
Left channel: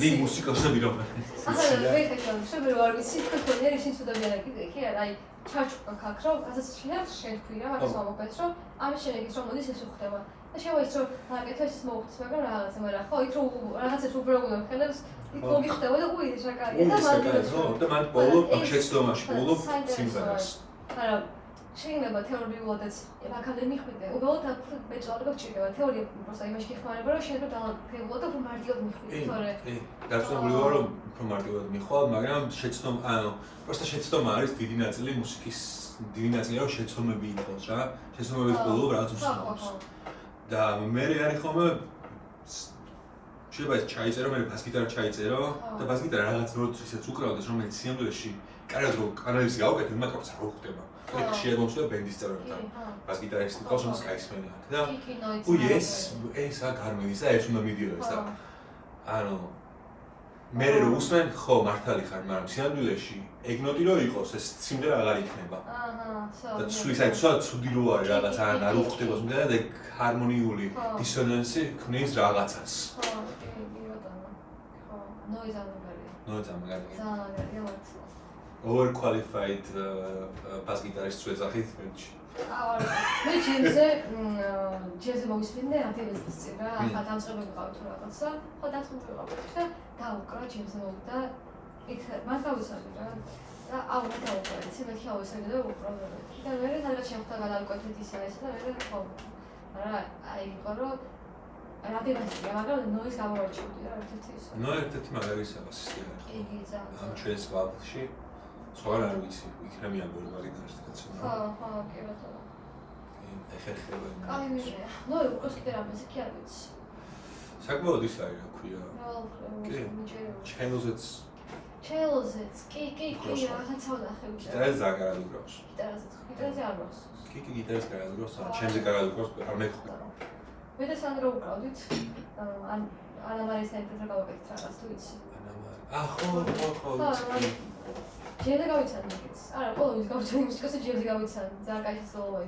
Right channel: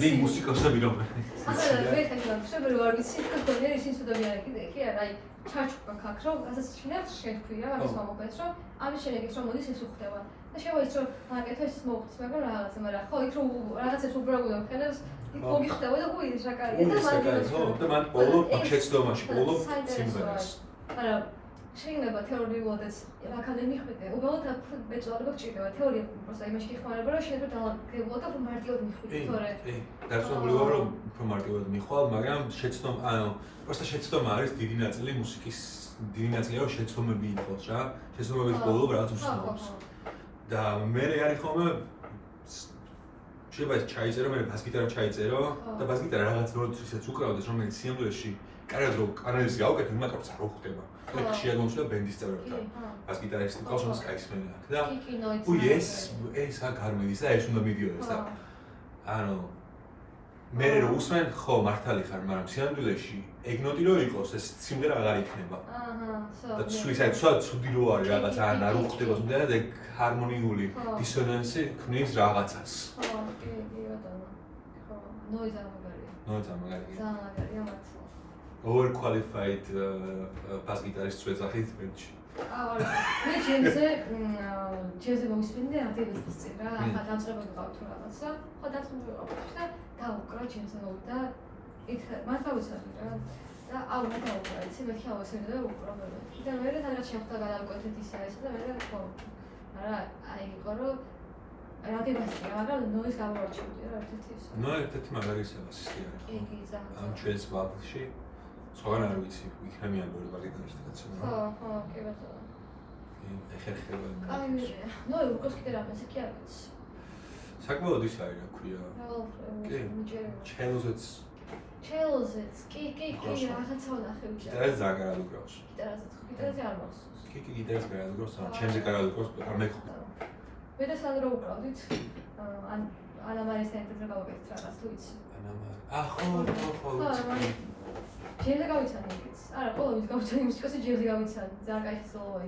დი მუსიკოსები რომ შენ არ ვიცი, თქვენ ისინი სუდობიანები კი არა, აი ჩაჩუქა ქაქრო, ასე შეიძლება შეთქვია, მაგას მომობეს, რომ ამის შედეგით რომ მოდის ეს უხდება. და და შემოიც რომ აკეთო ის მოხდეს, მაგრამ რაღაცა, მაგრამ ხო იქ რომ რაღაცას უბრალოდ ხენებს იქ მოგიხდება და უიდი შაკარია და და მან ბოლო შეცდომაში ბოლო სიმღერას. არა შეიძლება თეორიულადაც აქამდე მიხვიდე. უბრალოდ აქ მეწვავება გჭირდება. თეორია просто იმაში გიხმარება, რომ შეიძლება დაალაგებულად და უფრო მარტივად მიხვიდე, თორე. დარწმუნებული ვარ, რომ უფრო მარტივად მიხვალ, მაგრამ შეცდომა, ანუ просто შეცდომა არის დიდი ნაწილი მუსიკის, დიდი ნაწილი რომ შეცდომები იყოს რა. შეცდომების ბოლო რაღაც უსწავლოს. და მე არის ხოლმე შეიძლება ეს ჩაიწერო, მე ბას-გიტარა ჩაიწერო და ბას-გიტარა რაღაც როლს ისეც უკრავდეს, რომელიც სიამოვნებაში კარგად რო კანალიზი გავუკეთებ, მაგას არ ხდება. ეგ შეიძლება მომწვა ბენდის წევრებთან. ბას-გიტარისტი ყავს, რომელიც კაისმენია და უი ეს აქ არ მიდის და ეს უნდა მიდიოდეს და ანუ მე რო უსმენ ხო მართალი ხარ, მაგრამ სიამოვნებაში ეგ ნოტი რო იყოს, ეს სიმღერა აღარ იქნება. და ცუდად ცუდი რო არის რაღაც არ უხდება და ეგ ჰარმონიული დისონანსი ქმნის რაღაცას. ხო, კი, ბატონო. ხო, ნოიზ არ მაგარია. ნოიზ არ მაგარია. ძალიან მაგარია მათ. overqualified ბას-გიტარისტს ვეძახით მერჩი. მე ჯეზე მოვისმინე აქტივისტის წინ რა, ახლა დამწყებები ვიყავით თუ რაღაცა, ხო დამწყებები ვიყავით და დავუკრა ჯეზე მოვიდა. იქ მას გავისახე რა. და აუნა დავუკრა, იცი მე ხავსები და უბრალოდ. და მე რაღაც შეხვდა გადავკვეთით ისა ეს და მე ხო. არა, აი იყო რომ რადიკალია, მაგრამ ნოიზ გამოვაჩინდი რა ერთ-ერთი ის. ნო ერთ-ერთი მაგარისაა სისტემა. იგი ძალიან. ამ ჩვენს ვაფლში სხვაგან არ ვიცი, იქნებიან ბევრი ბაგიტარისტი კაცი. ხო, ხო, კი ბატონო. ეხერხება. აი, ნო, უკვე კიდე რამეს კი არ ვიცი. საკმაოდ ის არის, რა ქვია. კი, ჩელზეც. ჩელზეც, კი, რაღაცა ვნახე. გიტარაზე ძალიან უკრავს. გიტარაზე არ მახსოვს. კი, გიტარაზე ძალიან უკრავს, ჩემზე ძალიან უკრავს, არ მეკხვდა. მე და სანდრო უკრავდით. ანამარის ცენტრზე გავაკეთეთ რაღაც თუ იცი. ანამარი. ხო. ჯერზე გავიცან იქიც. არა, ყოველთვის გავჩვენი მუსიკოსი ჯერზე გავიცან. ძალიან კაი სოლოა.